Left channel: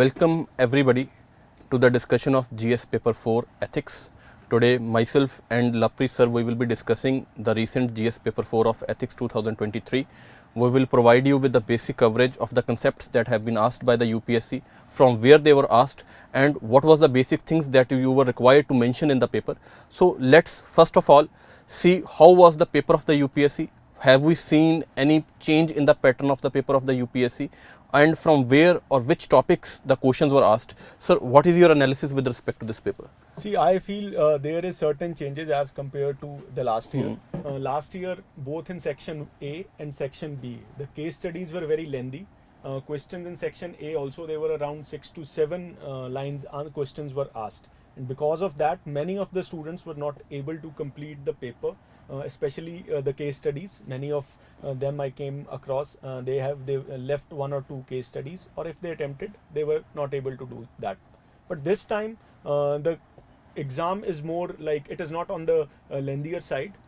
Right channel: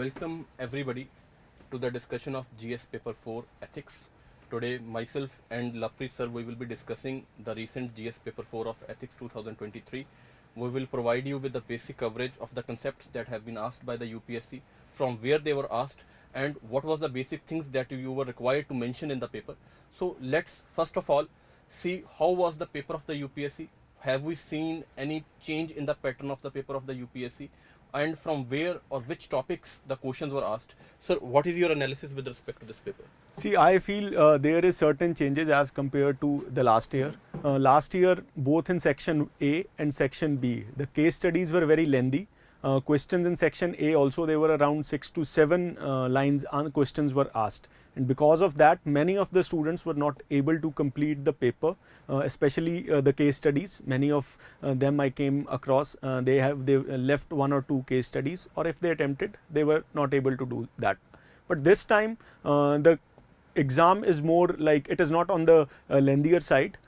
Welcome everybody to the discussion of GS paper 4 ethics. Today myself and Lapri sir we will be discussing the recent GS paper 4 of ethics 2023. We will provide you with the basic coverage of the concepts that have been asked by the UPSC, from where they were asked and what was the basic things that you were required to mention in the paper. So let's first of all see how was the paper of the UPSC. Have we seen any change in the pattern of the paper of the UPSC, and from where or which topics the questions were asked? So what is your analysis with respect to this paper? See, I feel there is certain changes as compared to the last year. Last year, both in section A and section B, the case studies were very lengthy. Questions in section A also, they were around 6 to 7 lines and questions were asked. And because of that, many of the students were not able to complete the paper, especially the case studies. Many of them I came across, they left 1 or 2 case studies, or if they attempted, they were not able to do that. But this time, the exam is more like, it is not on the lengthier side.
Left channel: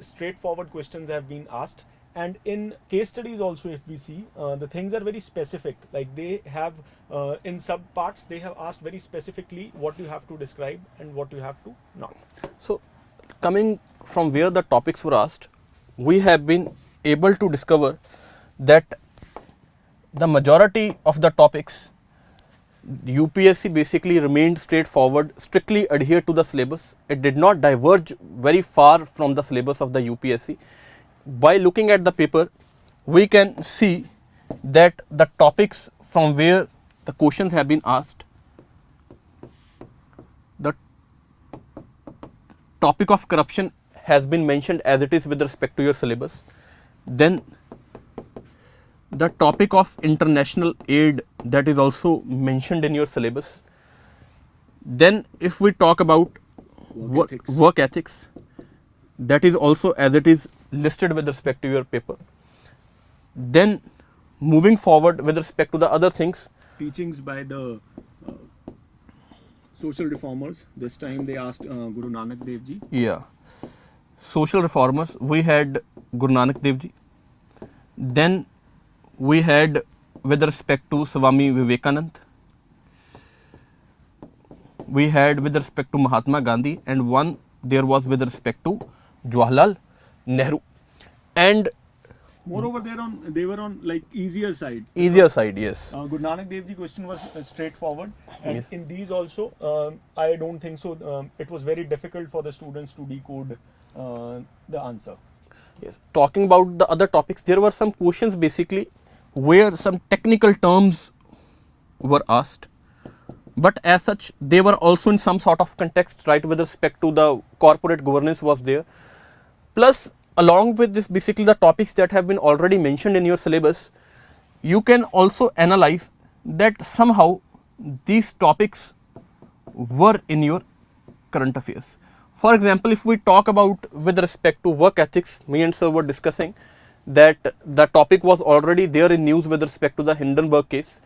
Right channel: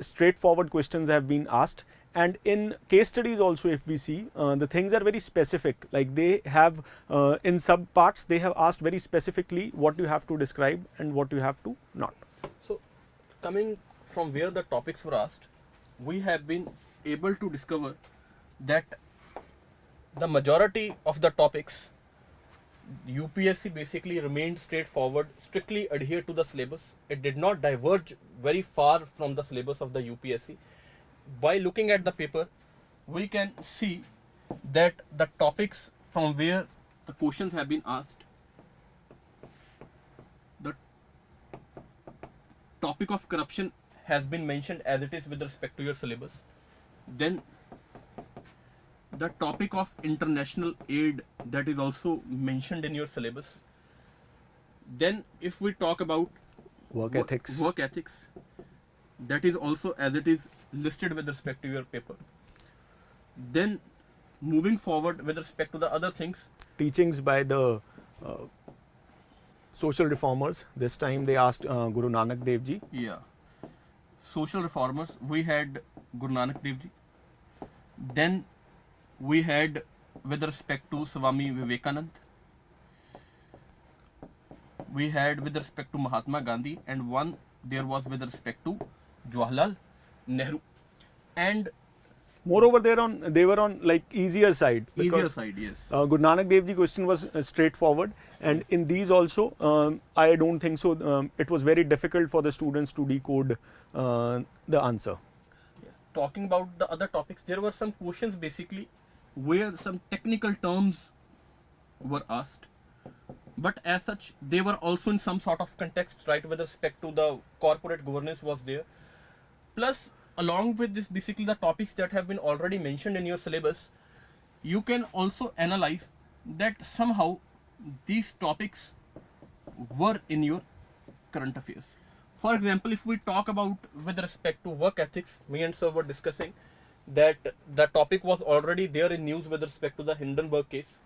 Straightforward questions have been asked. And in case studies also, if we see, the things are very specific. Like they have, in sub parts, they have asked very specifically what you have to describe and what you have to not. So coming from where the topics were asked, we have been able to discover that the majority of the topics, UPSC basically remained straightforward, strictly adhered to the syllabus. It did not diverge very far from the syllabus of the UPSC. By looking at the paper, we can see that the topics from where the questions have been asked, the topic of corruption has been mentioned as it is with respect to your syllabus. Then the topic of international aid, that is also mentioned in your syllabus. Then if we talk about work ethics, that is also as it is listed with respect to your paper. Then moving forward with respect to the other things, teachings by the social reformers. This time they asked Guru Nanak Dev Ji. Yeah, social reformers, we had Guru Nanak Dev Ji. Then we had with respect to Swami Vivekanand, we had with respect to Mahatma Gandhi, and one there was with respect to Jawaharlal Nehru. And moreover, they were on like easier side. Easier side, yes. Guru Nanak Dev Ji question was straightforward, and yes, in these also, I don't think so. It was very difficult for the students to decode the answer. Yes. Talking about the other topics, there were some questions basically where some technical terms were asked, but as such they were also in some sort of context, right, with respect to the corporate governance was there. Plus, along with this, basically the topics that have been already mentioned in your syllabus, you can also analyze that somehow these topics were in your current affairs. For example, if we talk about with respect to work ethics, me and sir were discussing that the topic was already there in news with respect to the Hindenburg case.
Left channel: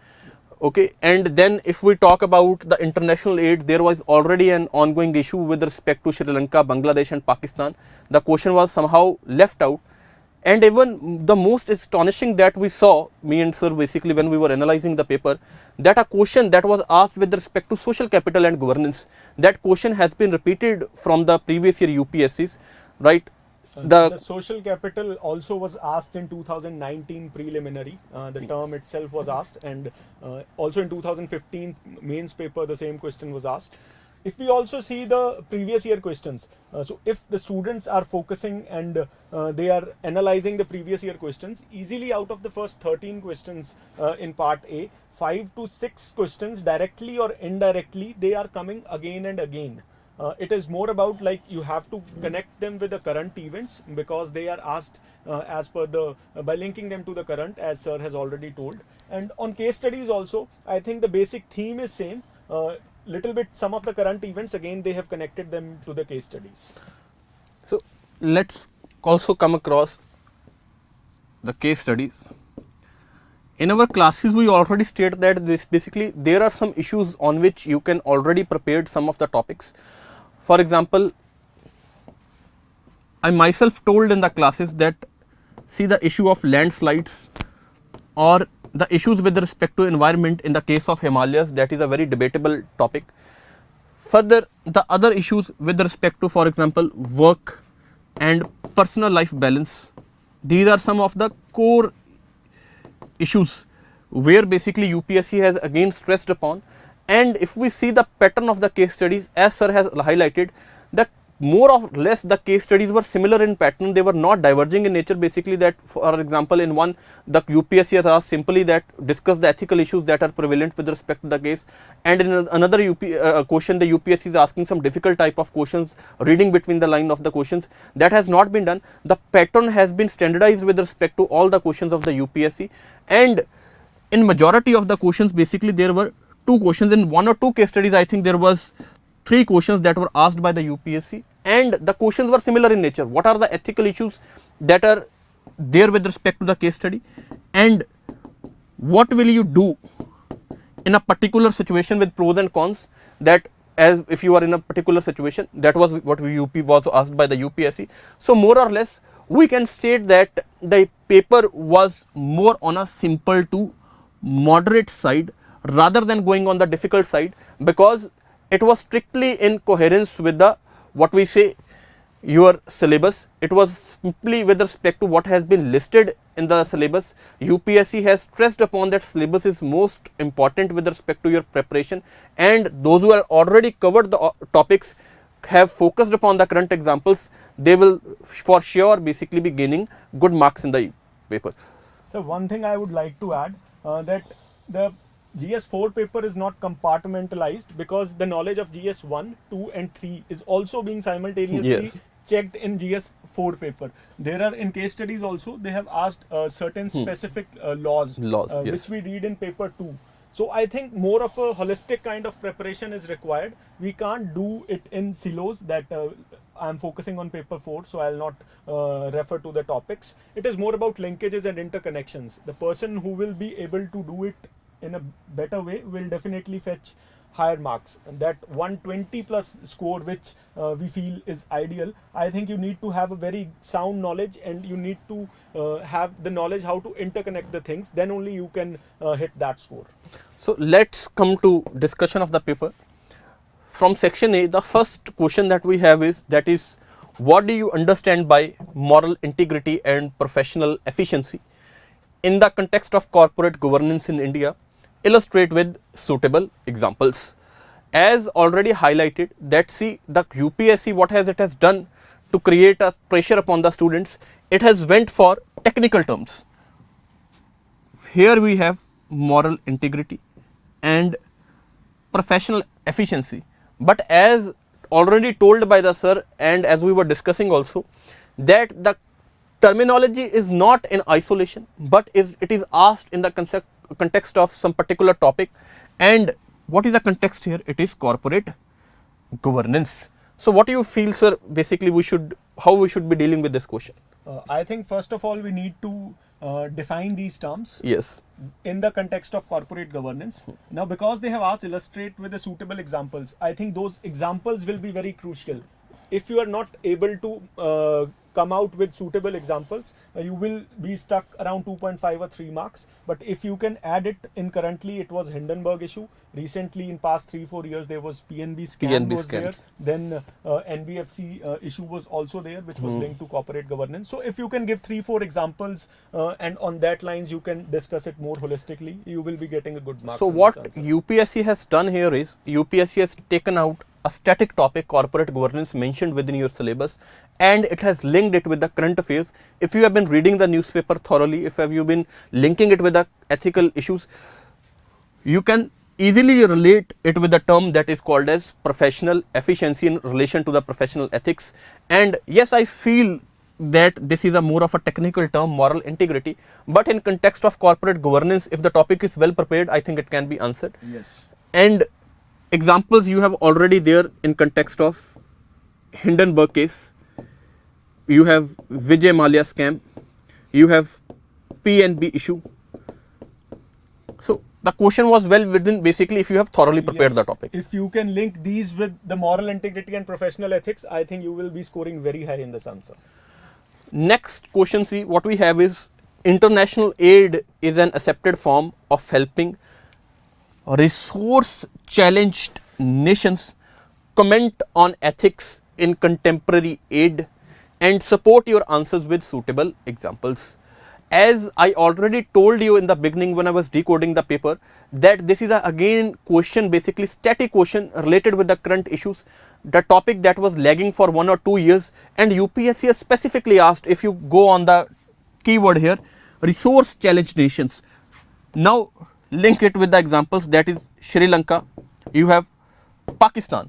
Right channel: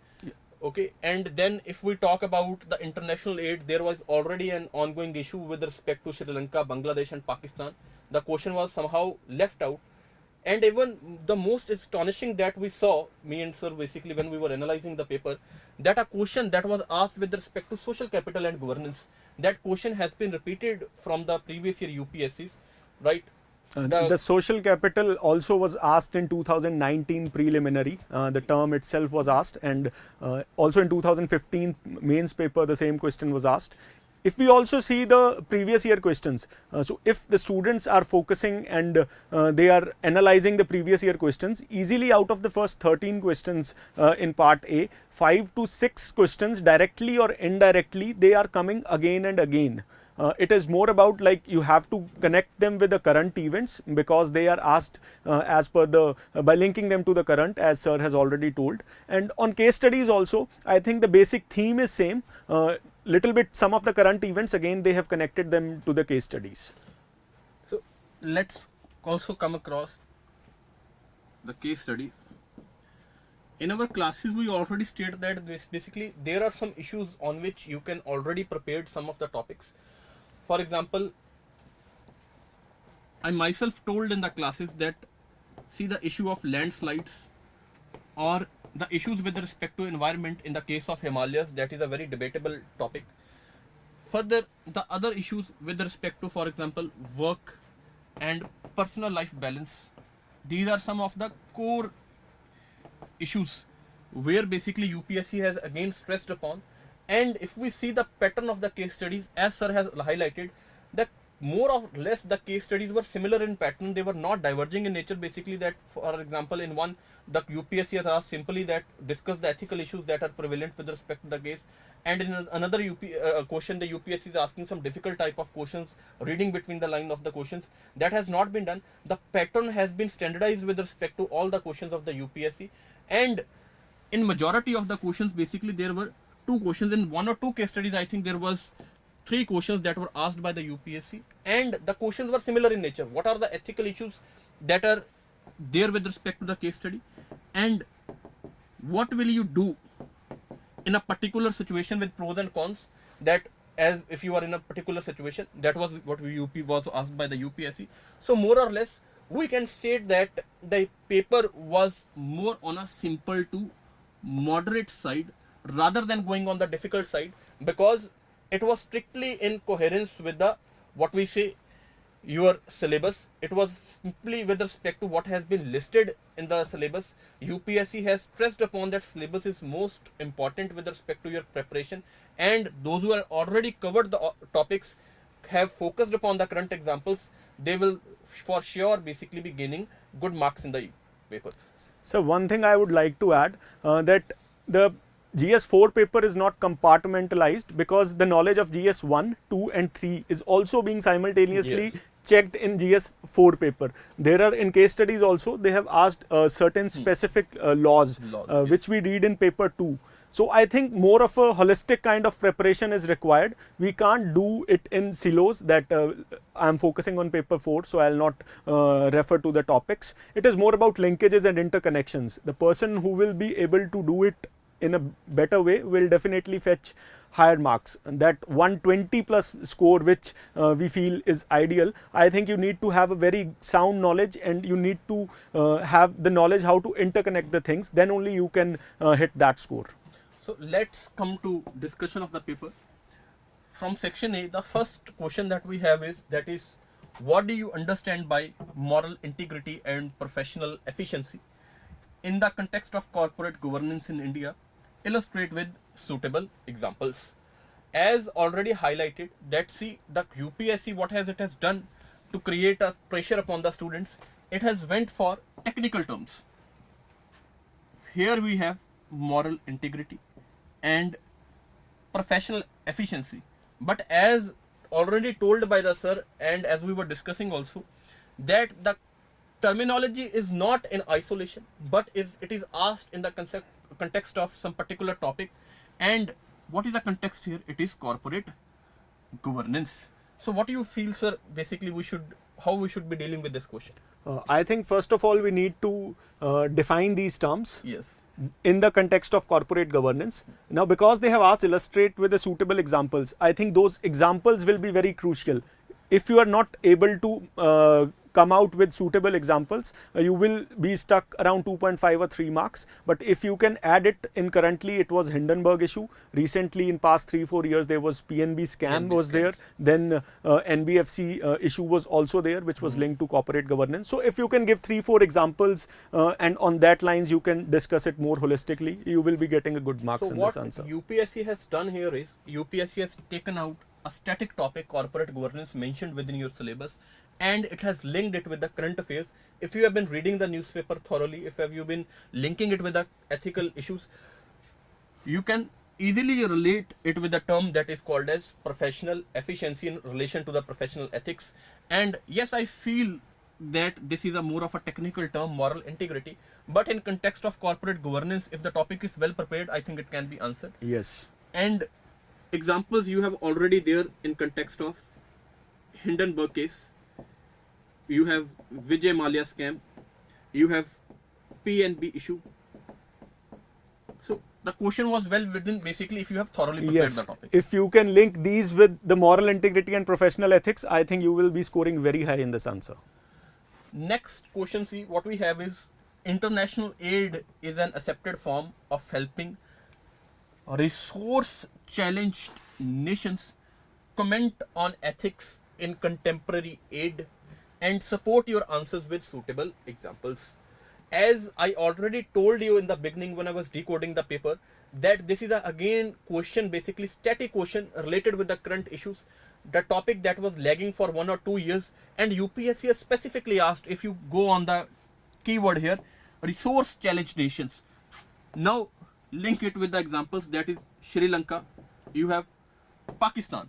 Okay, and then if we talk about the international aid, there was already an ongoing issue with respect to Sri Lanka, Bangladesh and Pakistan. The question was somehow left out. And even the most astonishing that we saw, me and sir basically when we were analyzing the paper, that a question that was asked with respect to social capital and governance, that question has been repeated from the previous year UPSCs, right? The social capital also was asked in 2019 preliminary. The term itself was asked, and also in 2015 mains paper the same question was asked. If we also see the previous year questions, so if the students are focusing and they are analyzing the previous year questions, easily out of the first 13 questions in part A, 5 to 6 questions directly or indirectly, they are coming again and again. It is more about like you have to connect them with the current events, because they are asked as per the by linking them to the current, as sir has already told. And on case studies also, I think the basic theme is same. Little bit some of the current events, again they have connected them to the case studies. So let's also come across the case studies. In our classes, we already stated that this basically there are some issues on which you can already prepared some of the topics. For example, I myself told in the classes that see the issue of landslides or the issues with respect to environment in the case of Himalayas, that is a very debatable topic. Further, the other issues with respect to, for example, work and personal life balance, these are some of the core issues where basically UPSC has again stressed upon. And if we see the pattern of the case studies, as sir has highlighted, the more or less the case studies were similar in pattern, they were not diverging in nature. Basically, that for example, in one, the UPSC has asked simply that discuss the ethical issues that are prevalent with respect to the case, and in another question, the UPSC is asking some difficult type of questions, reading between the line of the questions. That has not been done. The pattern has been standardized with respect to all the questions of the UPSC, and in majority of the questions, basically there were two questions. In one or two case studies, I think there was 3 questions that were asked by the UPSC, and the questions were similar in nature. What are the ethical issues that are there with respect to the case study, and what will you do in a particular situation with pros and cons, that as if you are in a particular situation, that was what UP was asked by the UPSC. So more or less we can state that the paper was more on a simple to moderate side rather than going on the difficult side, because it was strictly in coherence with the what we say your syllabus. It was simply with respect to what has been listed in the syllabus. UPSC has stressed upon that syllabus is most important with respect to your preparation, and those who have already covered the topics have focused upon the current examples, they will for sure basically be gaining good marks in the paper. So one thing I would like to add, that the GS4 paper is not compartmentalized, because the knowledge of GS1, 2 and 3 is also being simultaneously checked in GS4 paper. There are in case studies also, they have asked certain specific laws which we read in paper 2. So I think more of a holistic kind of preparation is required. We can't do it in silos, that I'm focusing on paper 4, so I'll not refer to the topics. It is more about linkages and interconnections. The person who will be able to do it in a better way will definitely fetch higher marks. And that 120 plus score which we feel is ideal, I think you need to have a very sound knowledge, and you need to have the knowledge how to interconnect the things, then only you can hit that score. So let's come to discussion of the paper. From section A, the first question that we have is, that is, what do you understand by moral integrity and professional efficiency in the context of corporate governance in India? Illustrate with suitable examples. As already highlighted, that see the UPSC what has it has done to create a pressure upon the students, it has went for technical terms. Here we have moral integrity and professional efficiency, but as already told by the sir, and as we were discussing also, that the terminology is not in isolation, but it is asked in the context of some particular topic. And what is the context here? It is corporate governance. So what do you feel, sir, basically how we should be dealing with this question? I think first of all we need to define these terms in the context of corporate governance. Now, because they have asked illustrate with the suitable examples, I think those examples will be very crucial. If you are not able to come out with suitable examples, you will be stuck around 2.5 or 3 marks. But if you can add it in, currently it was Hindenburg issue. Recently in past 3-4 years there was PNB scam was there. Then NBFC issue was also there, which was linked to corporate governance. So if you can give 3-4 examples and on that lines you can discuss it more holistically, you will be getting a good marks. So what UPSC has done here is, UPSC has taken out a static topic, corporate governance, mentioned within your syllabus, and it has linked it with the current affairs. If you have been reading the newspaper thoroughly, if you have been linking it with the ethical issues, you can easily relate it with the term that is called as professional efficiency in relation to the professional ethics. And yes, I feel that this is a more of a technical term, moral integrity, but in context of corporate governance, if the topic is well prepared, I think it can be answered. And examples you have already there in context of Hindenburg case, you have Vijay Mallya scam, you have PNB issue. So the question was well within, basically, if you have thoroughly prepared the topic. If you can link these with the moral integrity and professional ethics, I think you will be scoring very high in this answer. Next question, see what we have is international aid is an accepted form of helping resource challenged nations comment on ethics in contemporary aid and support your answers with suitable examples. As I already told you in the beginning when I was decoding the paper, that this is again question, basically static question related with the current issues, the topic that was lagging for 1 or 2 years, and UPSC has specifically asked, if you go on the keyword here, resource challenged nations. Now link it with the examples, that is Sri Lanka, you have Pakistan,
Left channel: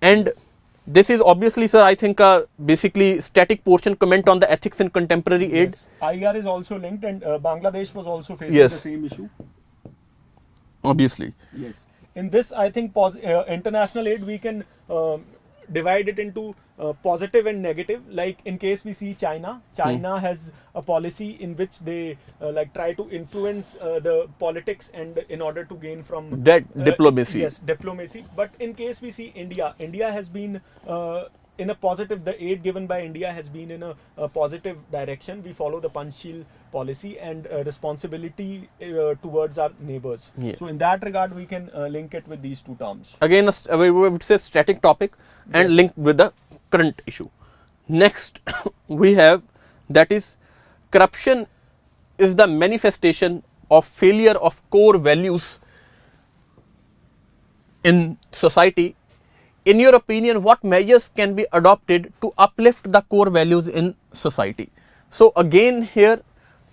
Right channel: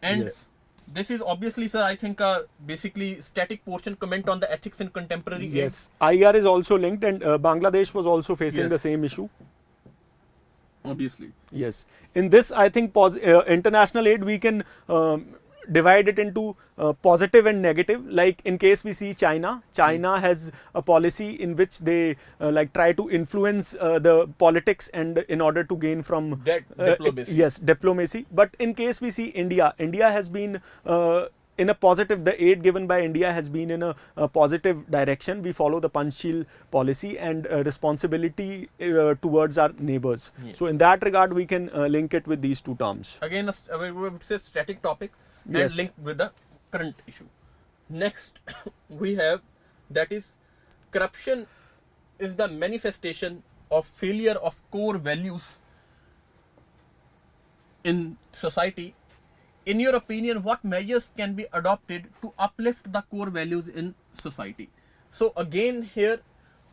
and Yes. this is obviously, sir, I think basically static portion comment on the ethics in contemporary aid. Yes, IR is also linked, and Bangladesh was also facing Yes. the same issue. Obviously. Yes. In this, I think international aid, we can divide it into positive and negative. Like in case we see China, China has a policy in which they like try to influence the politics and in order to gain from Diplomacy. Yes, diplomacy. But in case we see India, India has been in a positive, the aid given by India has been in a positive direction. We follow the Panchsheel policy and responsibility towards our neighbors. Yeah. So in that regard, we can link it with these two terms. Again, we would say static topic and Yes. linked with the current issue. Next, we have, that is, corruption is the manifestation of failure of core values in society. In your opinion, what measures can be adopted to uplift the core values in society? So again here,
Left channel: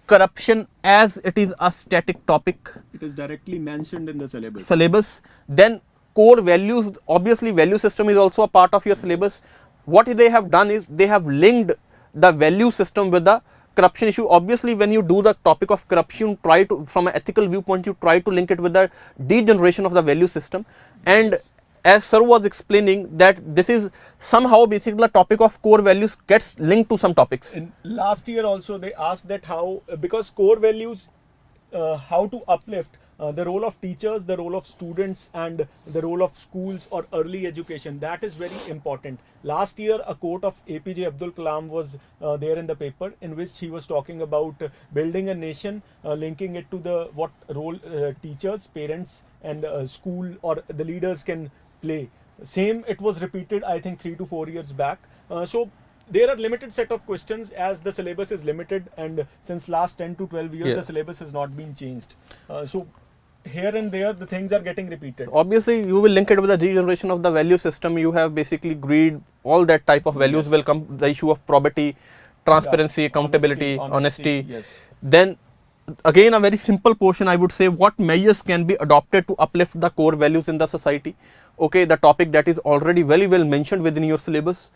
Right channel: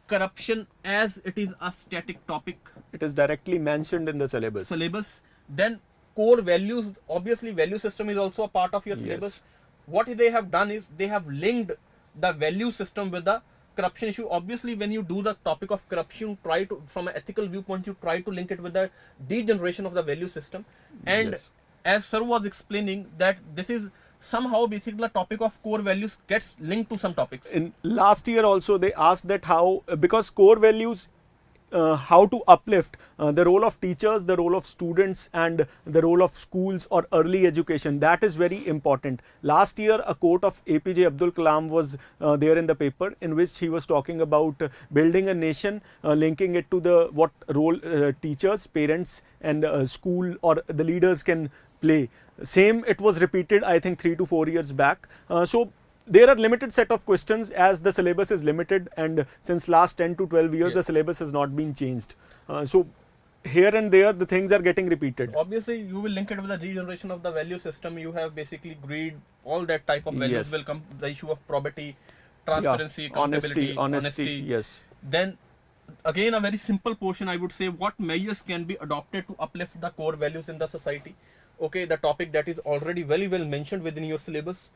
corruption, as it is a static topic, It is directly mentioned in the syllabus. then core values, obviously value system is also a part of your syllabus. What they have done is they have linked the value system with the corruption issue. Obviously when you do the topic of corruption, try to, from an ethical viewpoint, you try to link it with the degeneration of the value system. And Yes. as sir was explaining, that this is somehow basically the topic of core values gets linked to some topics. In last year also, they asked that how, because core values, how to uplift the role of teachers, the role of students, and the role of schools or early education. That is very important. Last year, a quote of APJ Abdul Kalam was there in the paper, in which he was talking about building a nation, linking it to the what role teachers, parents, and school or the leaders can play. Same, it was repeated, I think 3 to 4 years back. So there are limited set of questions as the syllabus is limited, and since last 10 to 12 years, Yeah. the syllabus has not been changed. So here and there, the things are getting repeated. Obviously you will link it with the degeneration of the value system. You have basically greed, all that type of values Yes. will come, the issue of probity, transparency, Yeah. accountability, Honesty, yes. Then again a very simple portion, I would say, what measures can be adopted to uplift the core values in the society. Okay, the topic that is already very well mentioned within your syllabus.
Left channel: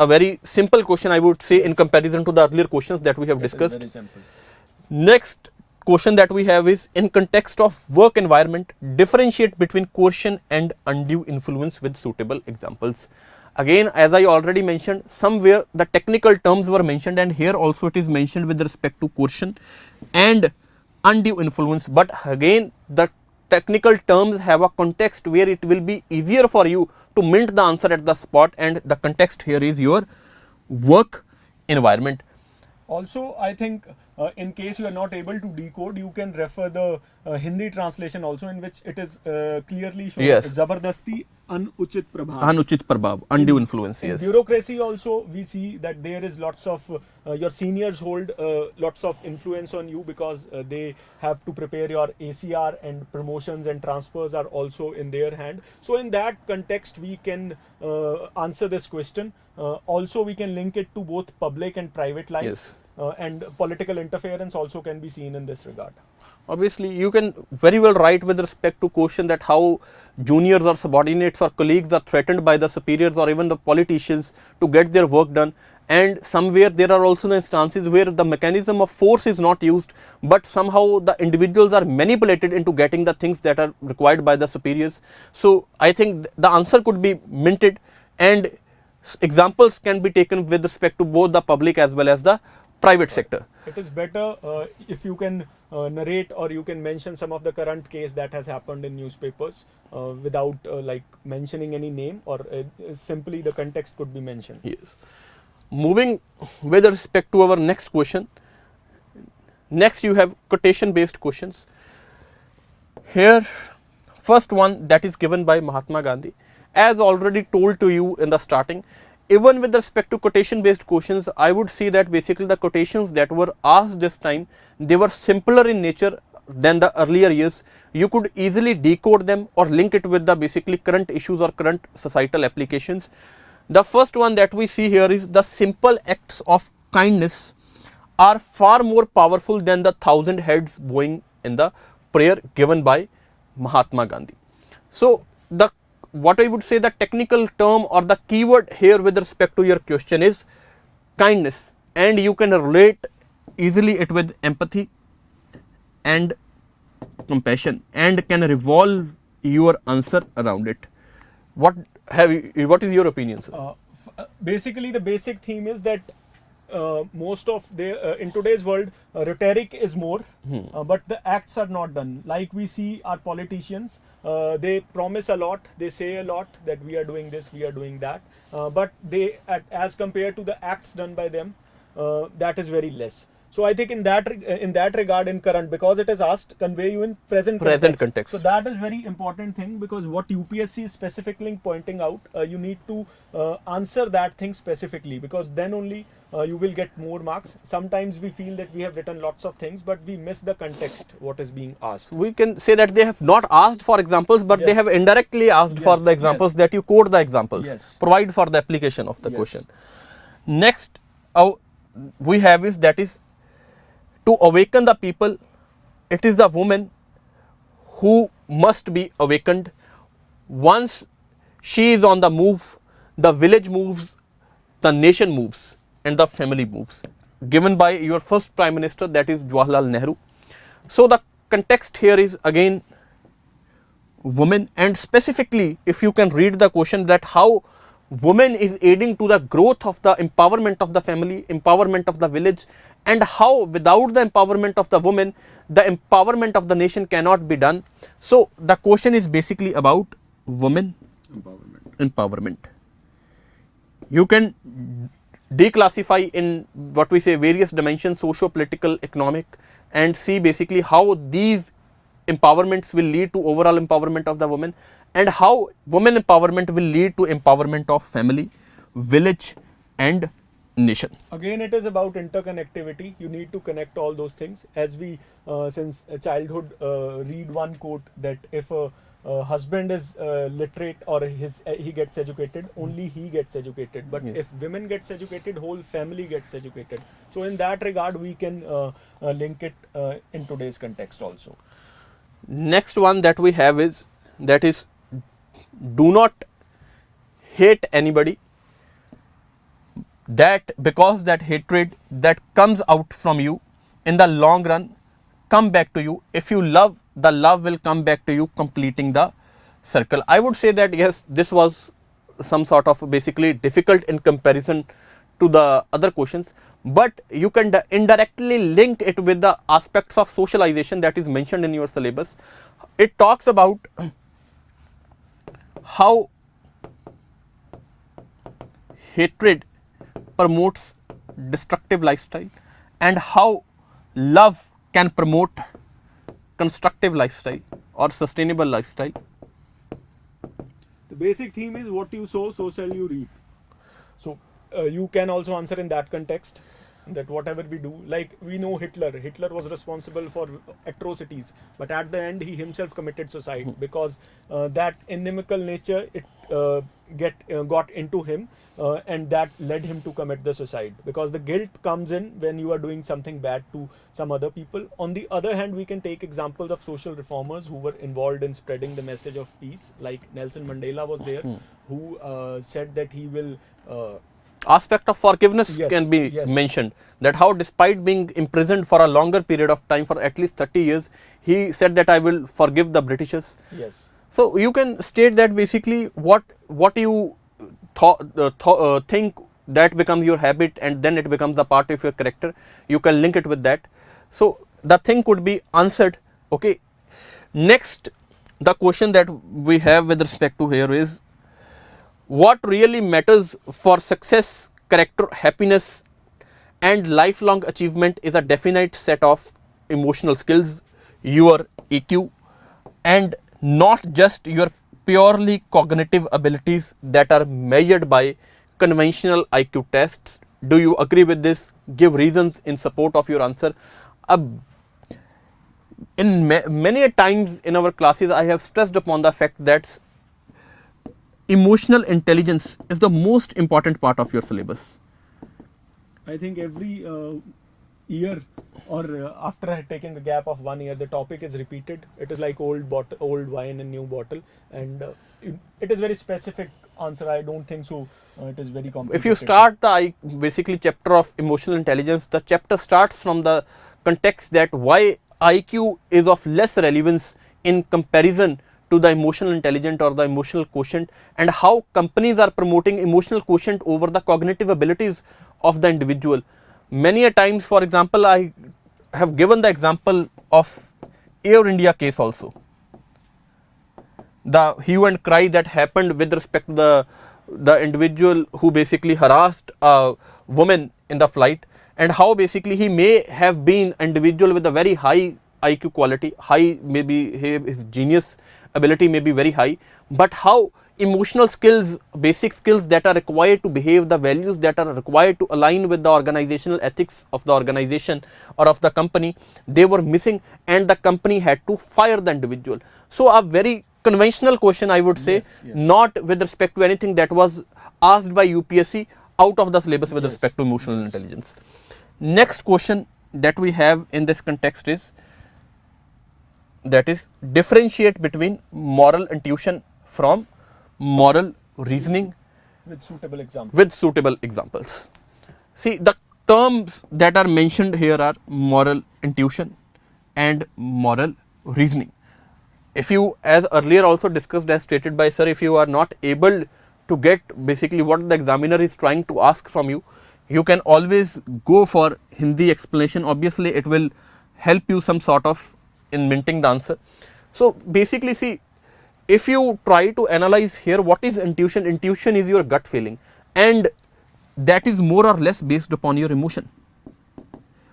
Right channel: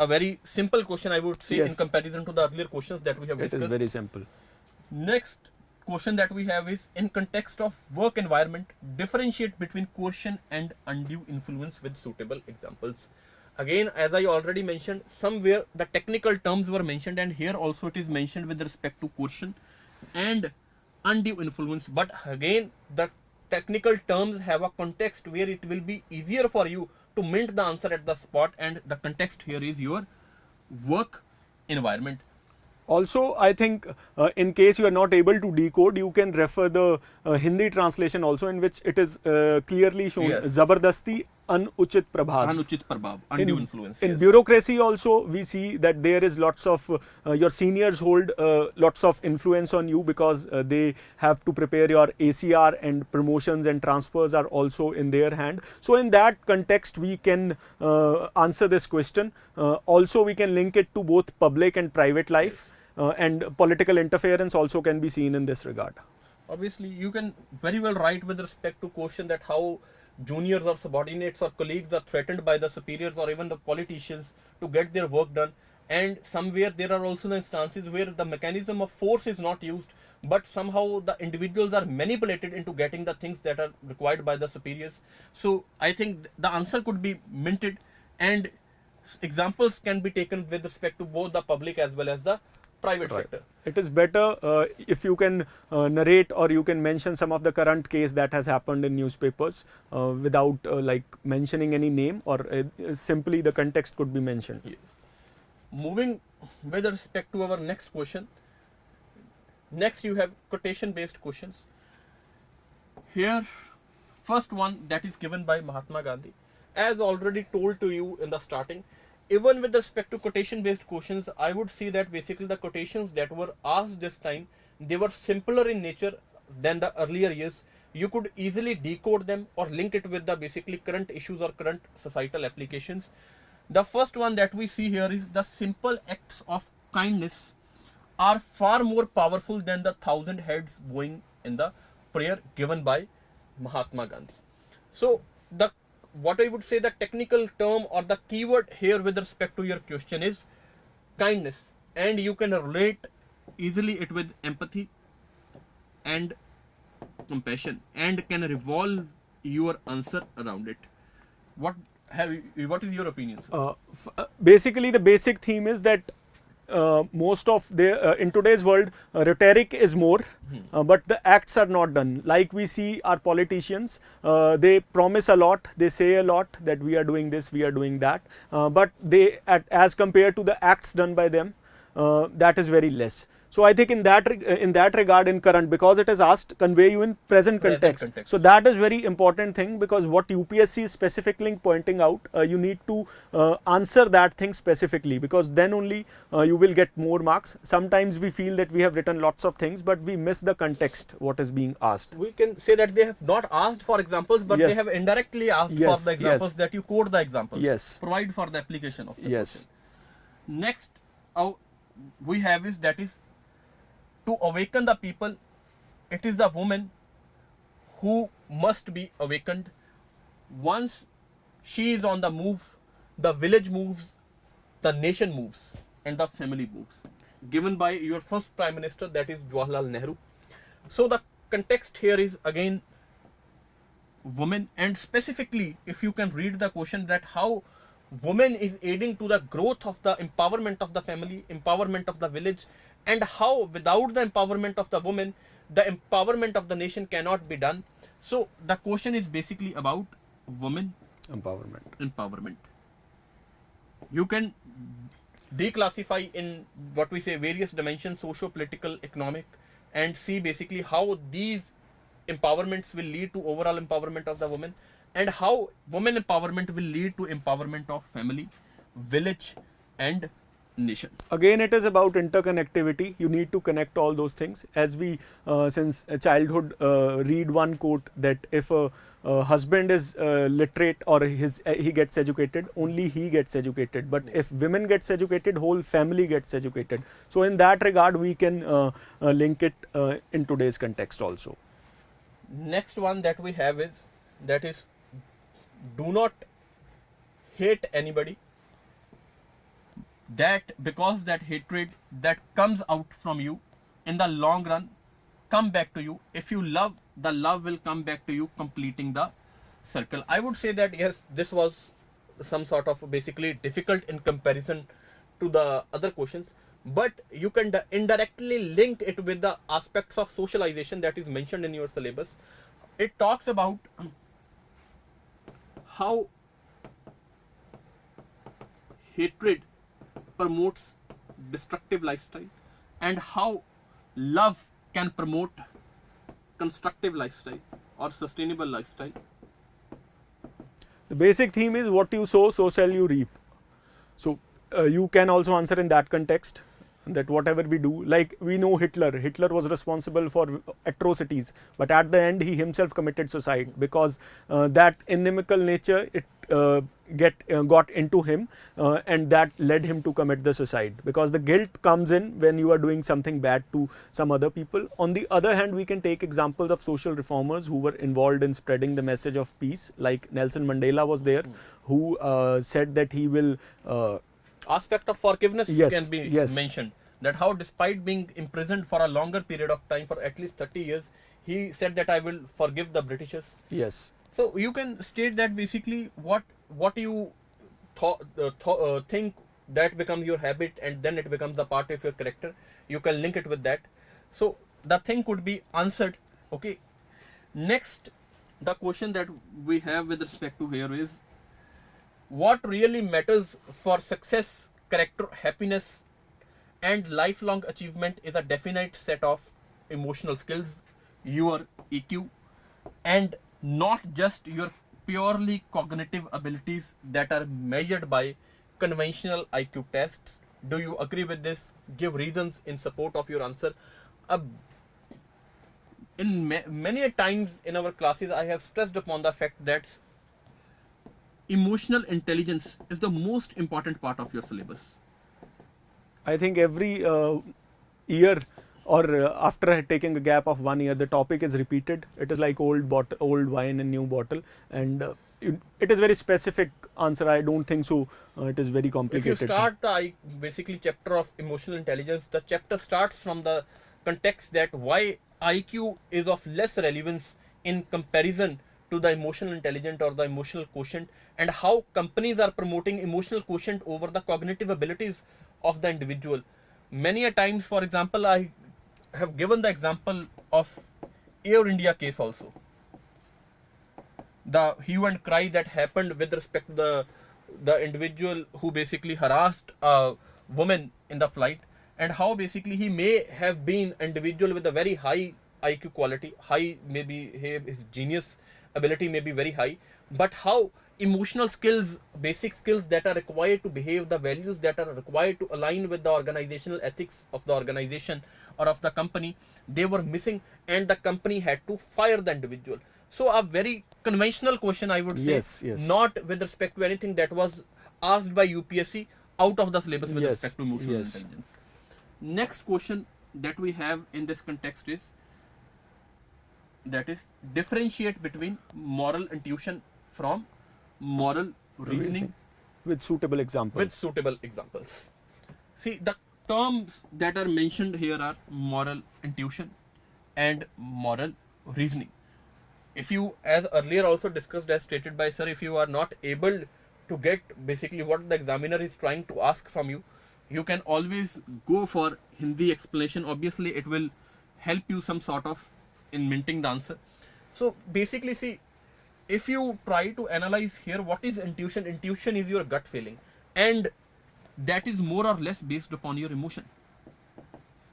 A very simple question, I would say, in Yes. comparison to the earlier questions that we have It is discussed. very simple. Next question that we have is, in context of work environment, differentiate between coercion and undue influence with suitable examples. Again, as I already mentioned, somewhere the technical terms were mentioned, and here also it is mentioned with respect to coercion and undue influence. But again, the technical terms have a context where it will be easier for you to mint the answer at the spot, and the context here is your work environment. Also, I think in case you are not able to decode, you can refer the Hindi translation also, in which it is clearly shown. Yes. Zabardasti anuchit prabhav. Anuchit prabhav, undue influence. In Yes. bureaucracy also, we see that there is lots of your seniors hold lots of influence on you, because they have to prepare your ACR, and promotions and transfers are also in their hand. So in that context, we can answer this question. Also, we can link it to both public and private life. Yes. And political interference also can be seen in this regard. Obviously, you can very well write with respect to question that how juniors or subordinates or colleagues are threatened by the superiors or even the politicians to get their work done. And somewhere there are also the instances where the mechanism of force is not used, but somehow the individuals are manipulated into getting the things that are required by the superiors. So I think the answer could be minted, and examples can be taken with respect to both the public as well as the private sector. It is better if you can narrate, or you can mention some of the current case that has happened in newspapers without like mentioning any name, or simply the context could be mentioned. Yes. Moving with respect to our next question, Next you have quotation based questions. Here first one that is given by Mahatma Gandhi. As already told to you in the starting, even with respect to quotation based questions, I would see that basically the quotations that were asked this time, they were simpler in nature than the earlier years. You could easily decode them or link it with the basically current issues or current societal applications. The first one that we see here is the simple acts of kindness are far more powerful than the 1,000 heads bowing in the prayer given by Mahatma Gandhi. So the what I would say the technical term or the keyword here with respect to your question is kindness, and you can relate easily it with empathy and compassion and can revolve your answer around it. What is your opinion, sir? Basically, the basic theme is that most of the in today's world, rhetoric is more, but the acts are not done. Like we see our politicians, they promise a lot, they say a lot that we are doing this, we are doing that, but they, as compared to the acts done by them, that is very less. So I think in that regard, in current, because it is asked, convey you in present context. So that is very important thing, because what UPSC is specifically pointing out, you need to answer that thing specifically, because then only you will get more marks. Sometimes we feel that we have written lots of things, but we miss the context what is being asked. We can say that they have not asked for examples, but they have indirectly asked for the examples, that you quote the examples, provide for the application of the question. Next we have is that is to awaken the people. It is the woman who must be awakened. Once she is on the move, the village moves, the nation moves, and the family moves. Given by your first Prime Minister, that is Jawaharlal Nehru. So the context here is again women, and specifically if you can read the question that how women is aiding to the growth of the empowerment of the family, empowerment of the village, and how without the empowerment of the woman, the empowerment of the nation cannot be done. So the question is basically about women empowerment. You can declassify in what we say various dimensions, socio-political, economic, and see basically how these empowerments will lead to overall empowerment of the woman, and how women empowerment will lead to empowerment of family, village, and nation. Again, it is about interconnectivity. You need to connect all those things. As we since childhood read one quote that if a husband is literate or he gets educated, only he gets educated. But if women gets educated, whole family gets educated. So in that regard, we can link it in today's context also. Next one that we have is that is do not hate anybody. That because that hatred that comes out from you in the long run come back to you. If you love, the love will come back to you, completing the circle. I would say that yes, this was some sort of basically difficult in comparison to the other questions, but you can indirectly link it with the aspects of socialization that is mentioned in your syllabus. It talks about how hatred promotes destructive lifestyle and how love can promote constructive lifestyle or sustainable lifestyle. The basic theme is what you sow, so shall you reap. So you can also answer in that context, that whatever we do, like we know Hitler was responsible for atrocities, but at the end he himself committed suicide because that inimical nature got into him, and that led him to commit the suicide, because the guilt comes in when you are doing something bad to some other people. On the other hand, we can take examples of social reformers who were involved in spreading the message of peace, like Nelson Mandela was there, who said that he will aspect of forgiveness can be mentioned, that how despite being imprisoned for a longer period of time, for at least 30 years, he said that I will forgive the Britishers. So you can state that basically what you think, that becomes your habit, and then it becomes a part of your character. You can link it with that. So the thing could be answered. Okay. Next, the question that we have with respect to here is, what really matters for success, character, happiness, and lifelong achievement is a definite set of emotional skills, your EQ, and not just your purely cognitive abilities that are measured by conventional IQ tests. Do you agree with this? Give reasons in support of your answer. In many times in our classes, I have stressed upon the fact that emotional intelligence is the most important part of your syllabus. I think every year or after taking a gap of 1 year, the topic is repeated. It is like old wine in new bottle, and it is very specific answer. I don't think so. It is very complicated. If you start the basically chapter of emotional intelligence, the chapter starts from the context that why IQ is of less relevance in comparison to the emotional intelligence or the emotional quotient, and how companies are promoting emotional quotient over the cognitive abilities of the individual. Many a times, for example, I have given the example of Air India case also. The hue and cry that happened with respect to the individual who basically harassed a woman in the flight, and how basically he may have been an individual with a very high IQ quality, high, maybe his genius ability may be very high, but how emotional skills, basic skills that are required to behave, the values that are required to align with the organizational ethics of the organization or of the company, they were missing, and the company had to fire the individual. So a very conventional question, I would say, Yes. not with respect to anything that was asked by UPSC out of the syllabus with respect to emotional intelligence. Next question that we have in this context is, that is, differentiate between moral intuition from moral reasoning with suitable examples. See, the terms that are mentioned here are moral intuition and moral reasoning. If you, as earlier also discussed, as stated by sir, if you are not able to get basically what the examiner is trying to ask from you, you can always go for Hindi explanation. Obviously, it will help you some sort of in minting the answer. So basically, see, if you try to analyze here, what is intuition? Intuition is your gut feeling, and that is more or less based upon your emotion.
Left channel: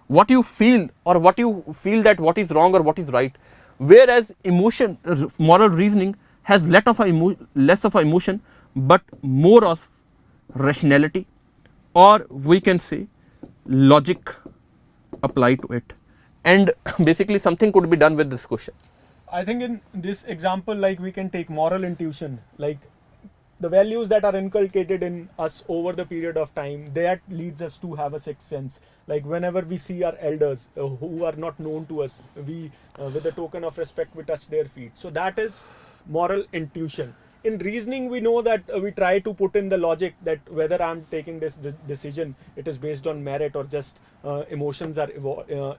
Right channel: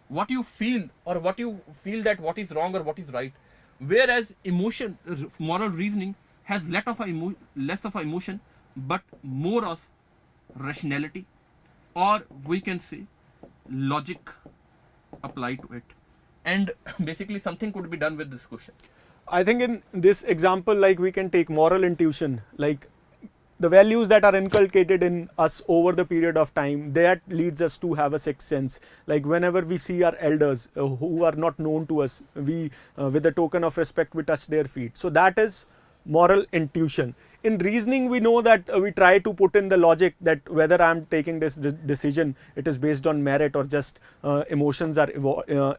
What you feel, or what you feel that what is wrong or what is right. Whereas emotion, moral reasoning has less of a emotion, but more of rationality, or we can say logic applied to it. And basically something could be done with this question. I think in this example, like we can take moral intuition, like the values that are inculcated in us over the period of time, that leads us to have a sixth sense. Like whenever we see our elders who are not known to us, we with a token of respect, we touch their feet. So that is moral intuition. In reasoning, we know that we try to put in the logic that whether I'm taking this decision, it is based on merit or just emotions are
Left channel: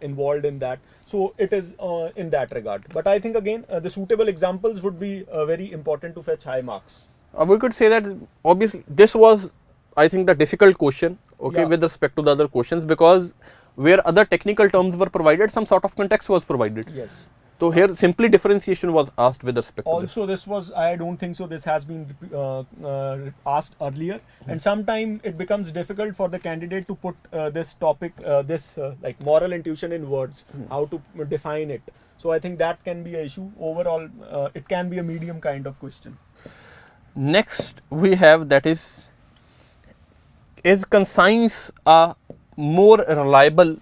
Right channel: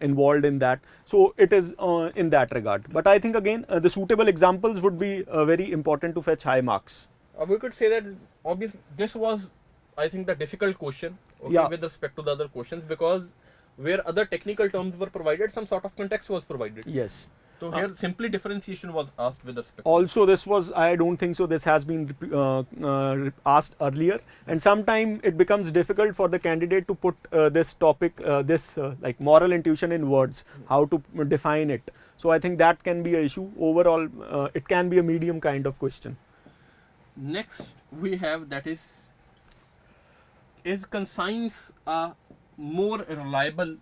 involved in that. So it is in that regard. But I think again, the suitable examples would be very important to fetch high marks. We could say that obviously this was, I think, the difficult question, okay, with respect to the other questions, because where other technical terms were provided, some sort of context was provided. Yes. So here simply differentiation was asked with respect also to this was, I don't think so, this has been asked earlier, and sometimes it becomes difficult for the candidate to put this topic, like moral intuition in words, how to define it. So I think that can be an issue. Overall, it can be a medium kind of question. Next we have, that is conscience a more reliable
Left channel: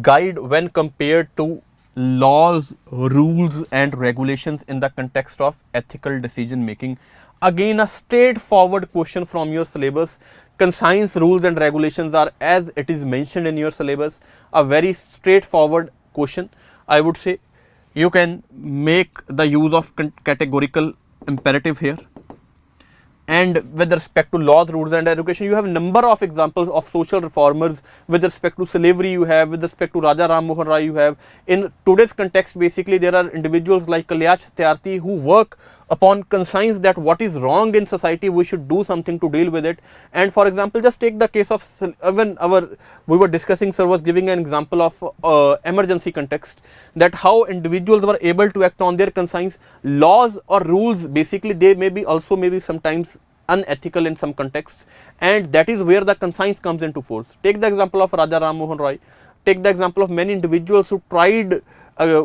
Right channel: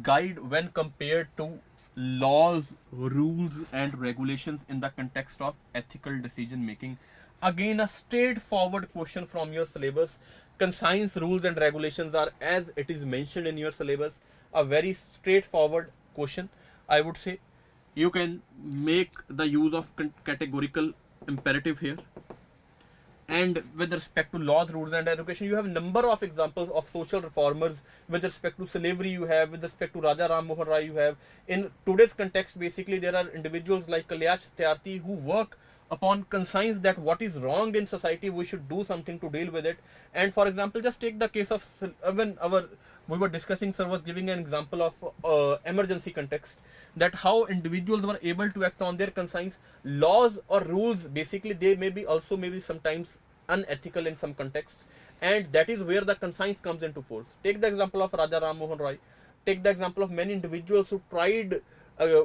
guide when compared to laws, rules and regulations in the context of ethical decision making? Again, a straightforward question from your syllabus. Conscience, rules and regulations are, as it is mentioned in your syllabus, a very straightforward question. I would say you can make the use of categorical imperative here. And with respect to laws, rules and education, you have a number of examples of social reformers. With respect to slavery, you have. With respect to Raja Ram Mohan Rai, you have. In today's context, basically, there are individuals like Kalyash Satyarthi who work upon conscience that what is wrong in society, we should do something to deal with it. And for example, just take the case of when we were discussing, sir was giving an example of emergency context, that how individuals were able to act on their conscience. Laws or rules, basically, they may be also maybe sometimes unethical in some contexts, and that is where the conscience comes into force. Take the example of Raja Ram Mohan Roy. take the example of many individuals who tried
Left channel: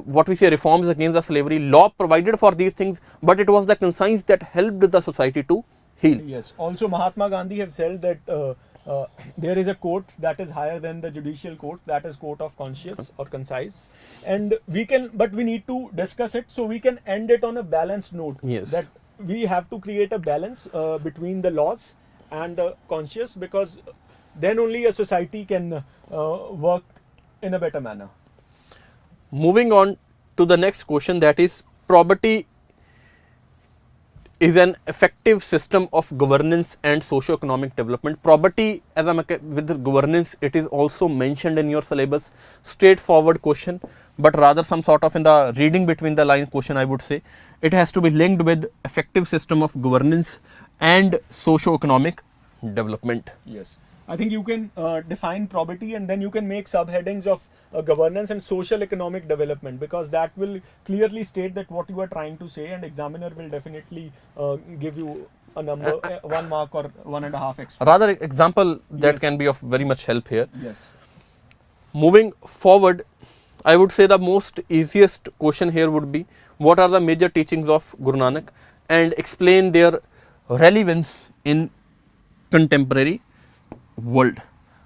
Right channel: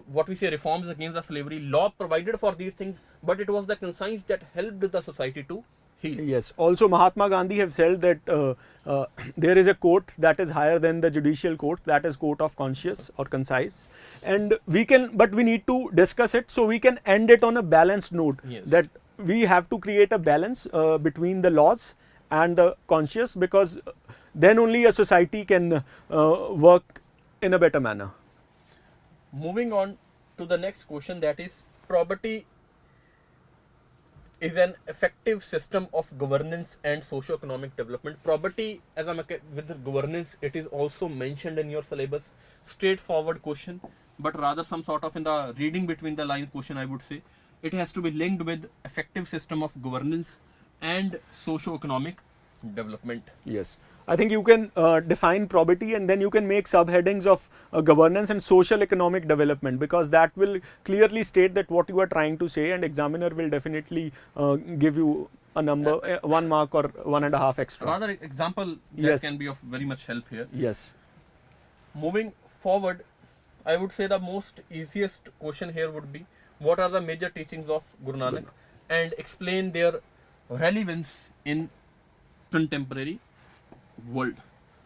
what we say reforms against the slavery. Law provided for these things, but it was the conscience that helped the society to heal. Yes. Also, Mahatma Gandhi have said that there is a court that is higher than the judicial court, that is court of conscience or concise, and but we need to discuss it so we can end it on a balanced note. Yes. That we have to create a balance between the laws and the conscience, because then only a society can work in a better manner. Moving on to the next question, that is, probity is an effective system of governance and socio-economic development. Probity as a with governance, it is also mentioned in your syllabus. Straightforward question, but rather some sort of in the reading between the lines question, I would say. It has to be linked with effective system of governance and socio-economic development. Yes. I think you can define probity and then you can make subheadings of governance and social economic development, because that will clearly state that what you are trying to say, and examiner will definitely give you a number, 1 mark or 1.5 extra. Rather example that Yes. can be of very much help here. Yes. Moving forward, I would say the most easiest question here would be, what are the major teachings of Guru Nanak, and explain their relevance in contemporary world.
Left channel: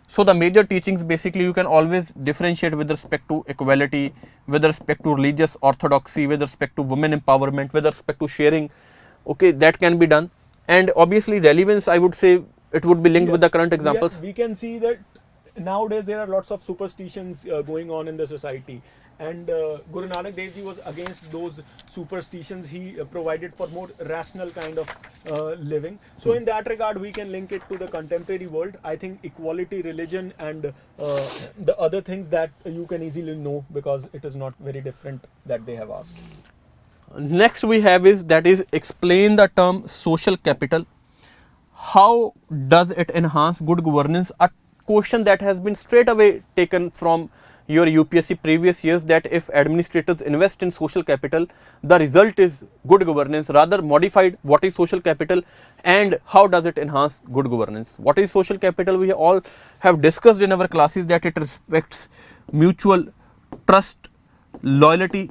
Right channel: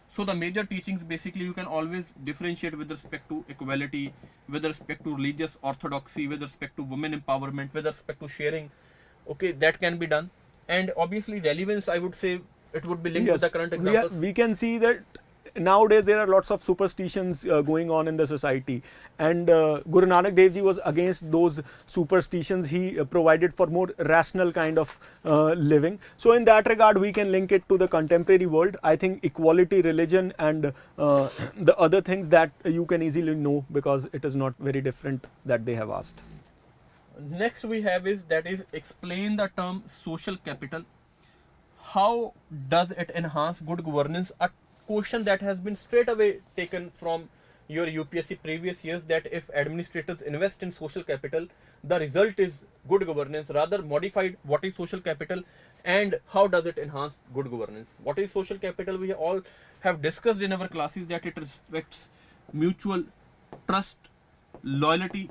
So the major teachings, basically you can always differentiate with respect to equality, with respect to religious orthodoxy, with respect to women empowerment, with respect to sharing. Okay, that can be done. And obviously relevance, I would say it would be linked with the Yes. current examples. We can see that nowadays there are lots of superstitions going on in the society, and Guru Nanak Dev Ji was against those superstitions. He provided for more rational kind of living. So in that regard, we can link it to the contemporary world. I think equality, religion, and the other things that you can easily know, because it is not very different that they have asked. Next we have is, that is, explain the term social capital. How does it enhance good governance? A question that has been straight away taken from your UPSC previous years, that if administrators invest in social capital, the result is good governance. Rather modified, what is social capital and how does it enhance good governance? What is social capital? We all have discussed in our classes that it respects mutual trust, loyalty,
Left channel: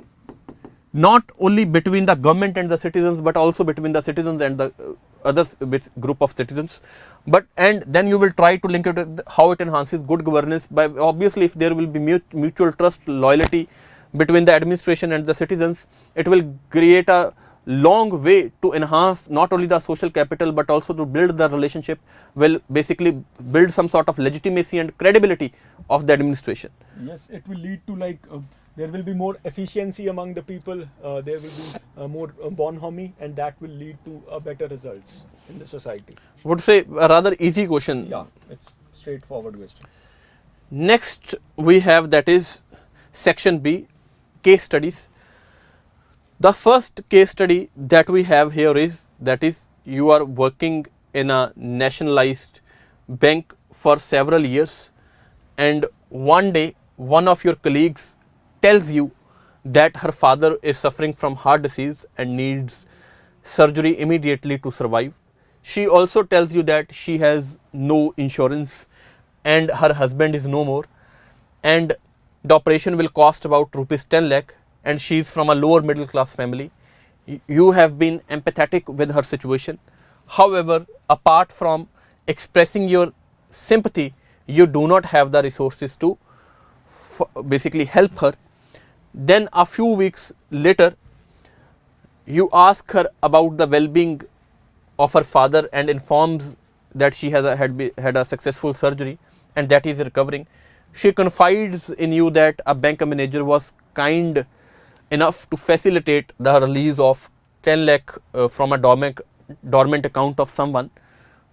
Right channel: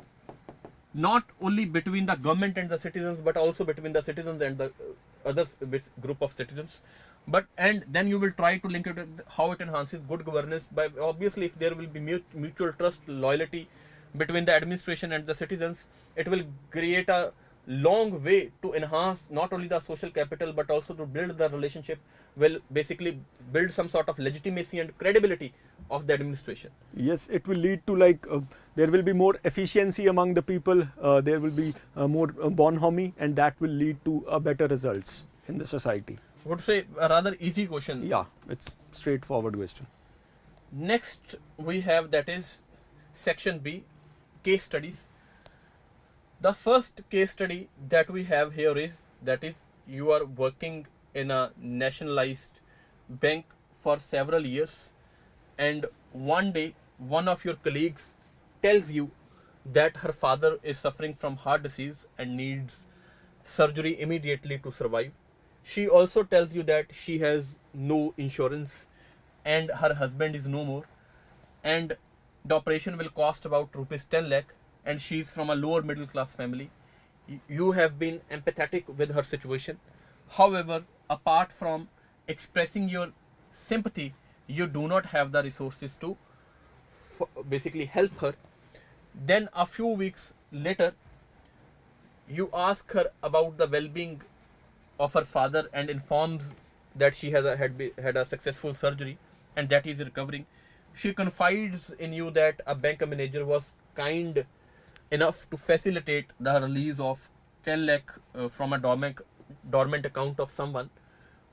not only between the government and the citizens, but also between the citizens and the other group of citizens. But and then you will try to link it with how it enhances good governance by, obviously, if there will be mutual trust, loyalty between the administration and the citizens, it will create a long way to enhance not only the social capital but also to build the relationship, will basically build some sort of legitimacy and credibility of the administration. Yes, it will lead to like there will be more efficiency among the people, there will be more bonhomie, and that will lead to better results in the society. I would say a rather easy question. Yeah, it's straightforward question. Next we have, that is section B, case studies. The first case study that we have here is, that is, you are working in a nationalized bank for several years, and one day one of your colleagues tells you that her father is suffering from heart disease and needs surgery immediately to survive. She also tells you that she has no insurance and her husband is no more, and the operation will cost about rupees 10 lakh, and she is from a lower middle class family. You have been empathetic with her situation. However, apart from expressing your sympathy, you do not have the resources to basically help her. Then a few weeks later, you ask her about the well-being of her father and informs that she has had a successful surgery and that he is recovering. She confides in you that a bank manager was kind enough to facilitate the release of 10 lakh from a dormant account of someone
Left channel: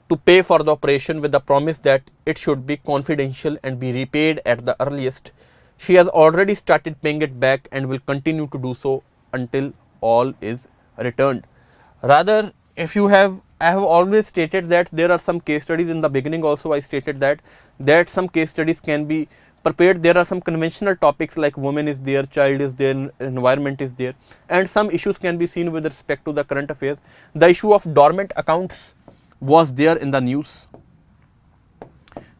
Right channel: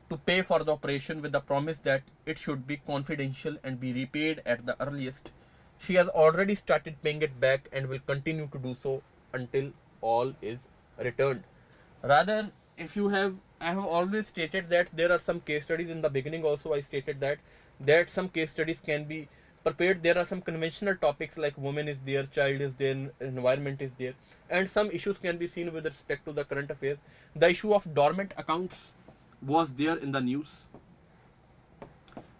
to pay for the operation, with the promise that it should be confidential and be repaid at the earliest. She has already started paying it back and will continue to do so until all is returned. Rather, if you have, I have always stated that there are some case studies. In the beginning also I stated that some case studies can be prepared. There are some conventional topics like women is there, child is there, environment is there, and some issues can be seen with respect to the current affairs. The issue of dormant accounts was there in the news,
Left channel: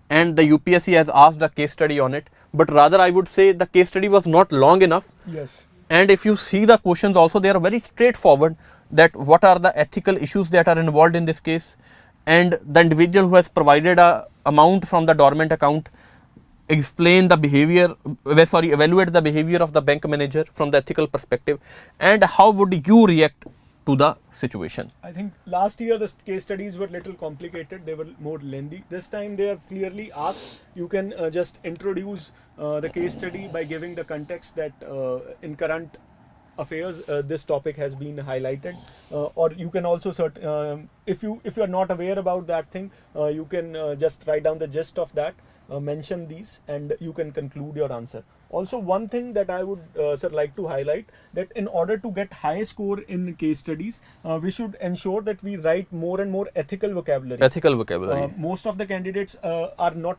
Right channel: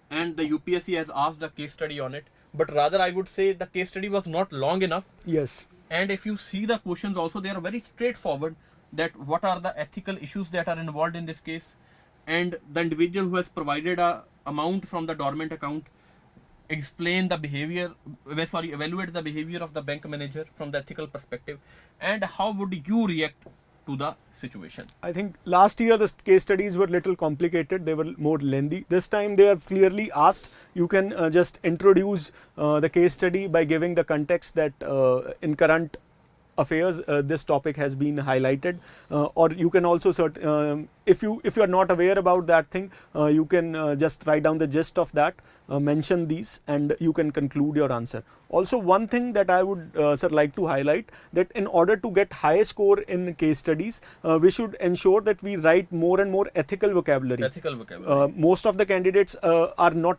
and the UPSC has asked a case study on it. but rather I would say the case study was not long enough. Yes. And if you see the questions also, they are very straightforward, that what are the ethical issues that are involved in this case, and the individual who has provided a amount from the dormant account, explain the behavior, evaluate the behavior of the bank manager from the ethical perspective, and how would you react to the situation. I think last year the case studies were little complicated, they were more lengthy. This time they have clearly asked, you can just introduce the case study by giving the context that in current affairs this topic has been highlighted, or you can also if you are not aware about that thing, you can just write down the gist of that, mention these, and you can conclude your answer. Also, one thing that I would sir, like to highlight, that in order to get high score in case studies, we should ensure that we write more and more ethical vocabulary. Ethical vocabulary. Most of the candidates are not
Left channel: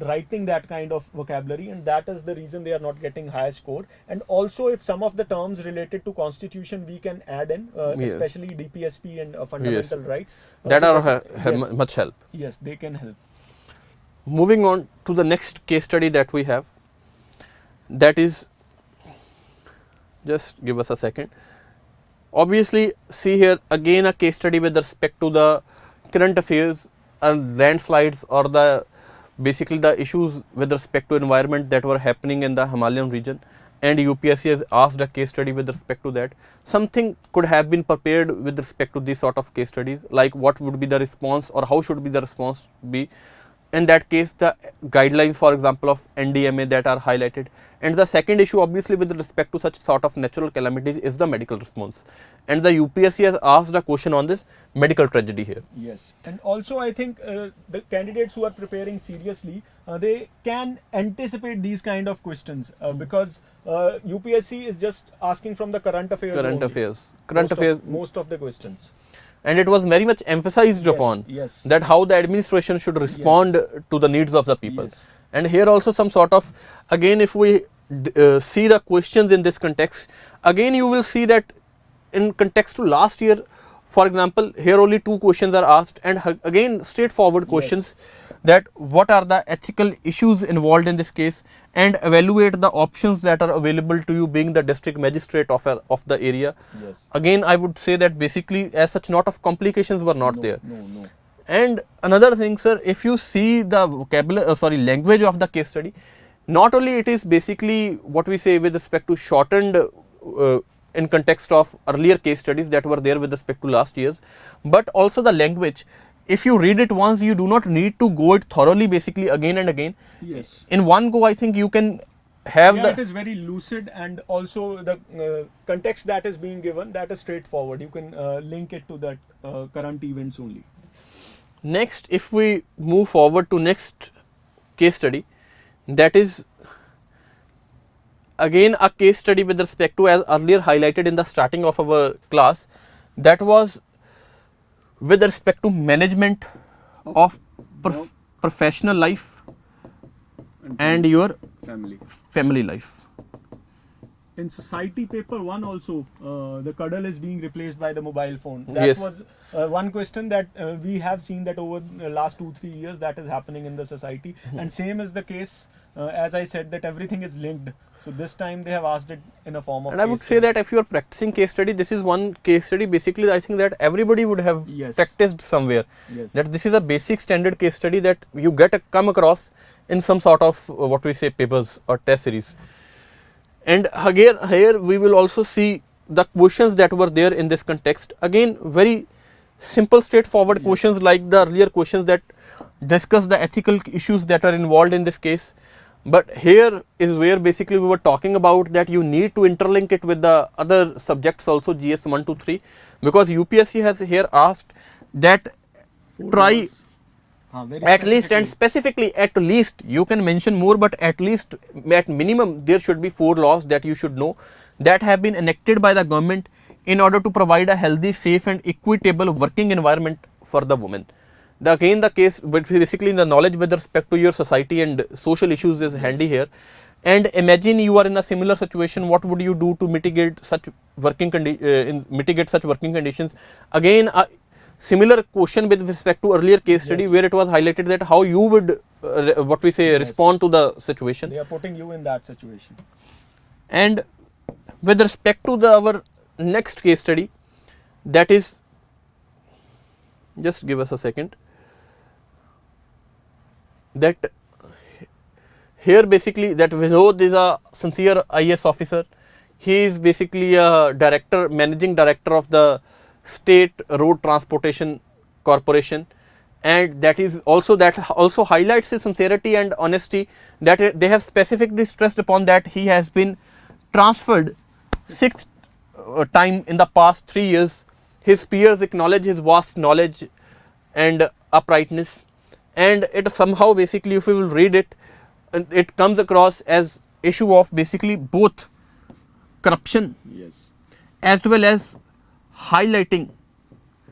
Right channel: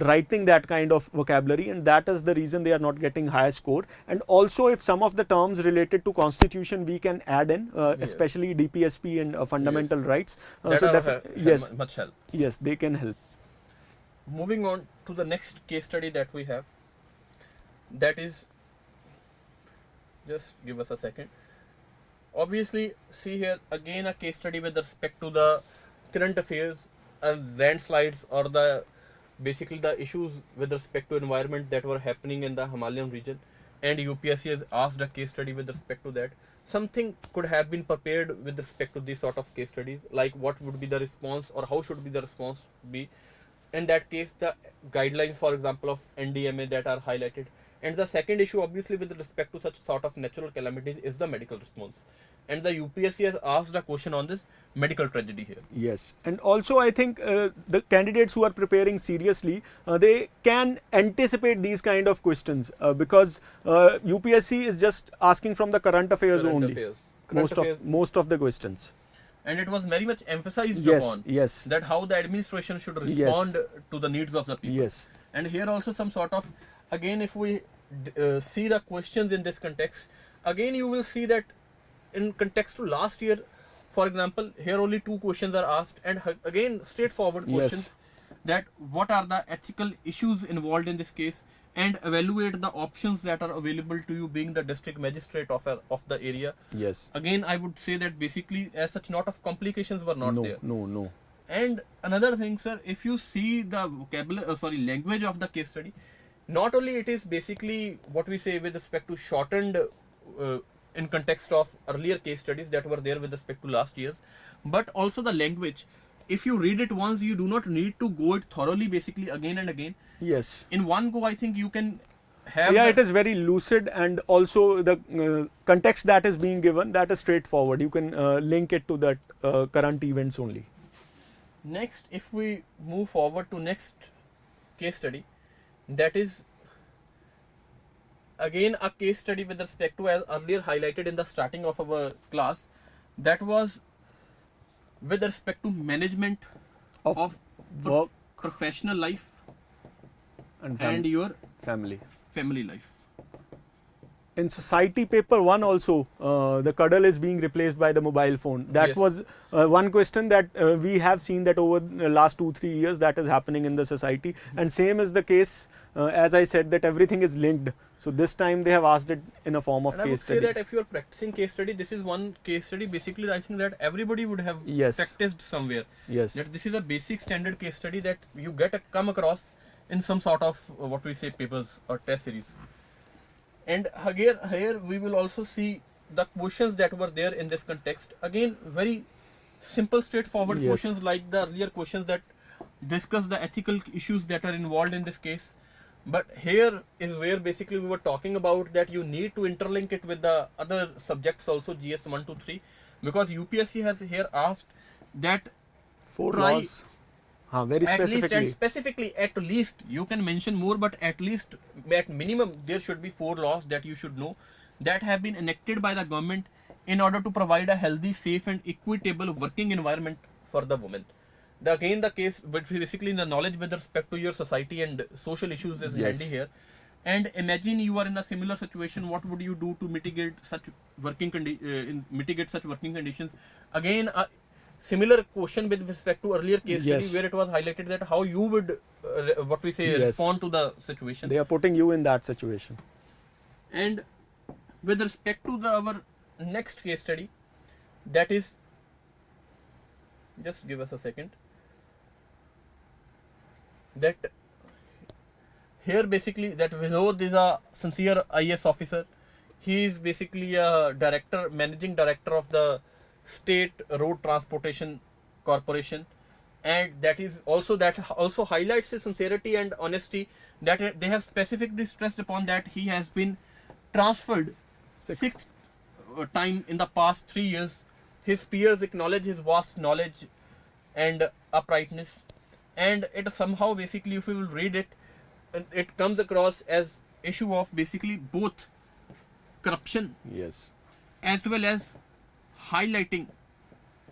writing that kind of vocabulary, and that is the reason they are not getting high score. And also, if some of the terms related to constitution we can add in, especially DPSP and fundamental rights, that so are much help. Yes, they can help. Moving on to the next case study that we have, that is, just give us a second. Obviously, see here again a case study with respect to the current affairs, landslides, or the basically the issues with respect to environment that were happening in the Himalayan region, and UPSC has asked a case study with respect to that. Something could have been prepared with respect to these sort of case studies, like what would be the response or how should be the response be. In that case, the guidelines, for example, of NDMA that are highlighted. And the second issue, obviously, with respect to such sort of natural calamities is the medical response. And the UPSC has asked a question on this medical tragedy here. Yes, and also I think the candidates who are preparing seriously, they can anticipate these kind of questions because UPSC is just asking from the current affairs only. Most of the questions. And it was very much emphasized upon that how the administration should respond to the needs of the people. And here also some sort of, again, if we see the questions in this context, again you will see that in context to last year, for example, here only 2 questions are asked, and again straightforward questions, that what are the ethical issues involved in this case, and evaluate the options that are available to you being the district magistrate of the area. Again, I would say that basically as such lot of complications were not there. And another thing, sir, if you see the language of the case study, not only it is basically what we say with respect to shortened in context of earlier case studies that were there with respect to last year's, but also the language. If you read it once, you do not need to go it thoroughly basically again and again. In one go, I think you can have it is very lucid, and also the context that is being given, that is straightforward. You can link it to that current events only. Next, if we move forward to next case study, that is again a case study with respect to, as earlier highlighted in the starting of our class, that was with respect to management of professional life and your family life. In society paper 1 also, the cuddle is being replaced by the mobile phone. That was one question that we have seen that over the last 2-3 years that is happening in the society. And same is the case, as I said, that everything is linked. So this time they have asked it in a form of And I would say that if you are practicing case study, this is one case study basically I think that everybody would have practiced somewhere. That this is a basic standard case study that you come across in some sort of what we say papers or test series. And again, here we will also see the questions that were there in this context. Again, very simple, straightforward questions like the earlier questions that discuss the ethical issues that are involved in this case. But here is where basically we were talking about that you need to interlink it with the other subjects also, GS 1, 2, 3, because UPSC has here asked that try at least, and specifically at least, you can mention more, but at least at minimum there should be 4 laws that you should know that have been enacted by the government in order to provide a healthy, safe and equitable working environment for the women. Again, the case, but basically the knowledge with respect to your society and social issues is handy here. And imagine you are in a similar situation, what would you do to mitigate such working conditions? Again, similar question with respect to earlier case study, Yes. where it was highlighted that how you would what we say Yes. respond to the situation. They are putting you in that situation. And with respect to our next case study, that is, just give us a second, that here basically that Vinod is a sincere IAS officer. He is basically a director, managing director of the State Road Transportation Corporation, and that also highlights his sincerity and honesty, that they have specifically stressed upon that he has been transferred sixth time in the past 3 years. His peers acknowledge his vast knowledge and uprightness, and it somehow basically, if you will read it, it comes across as issue of basically both corruption Yes. as well as highlighting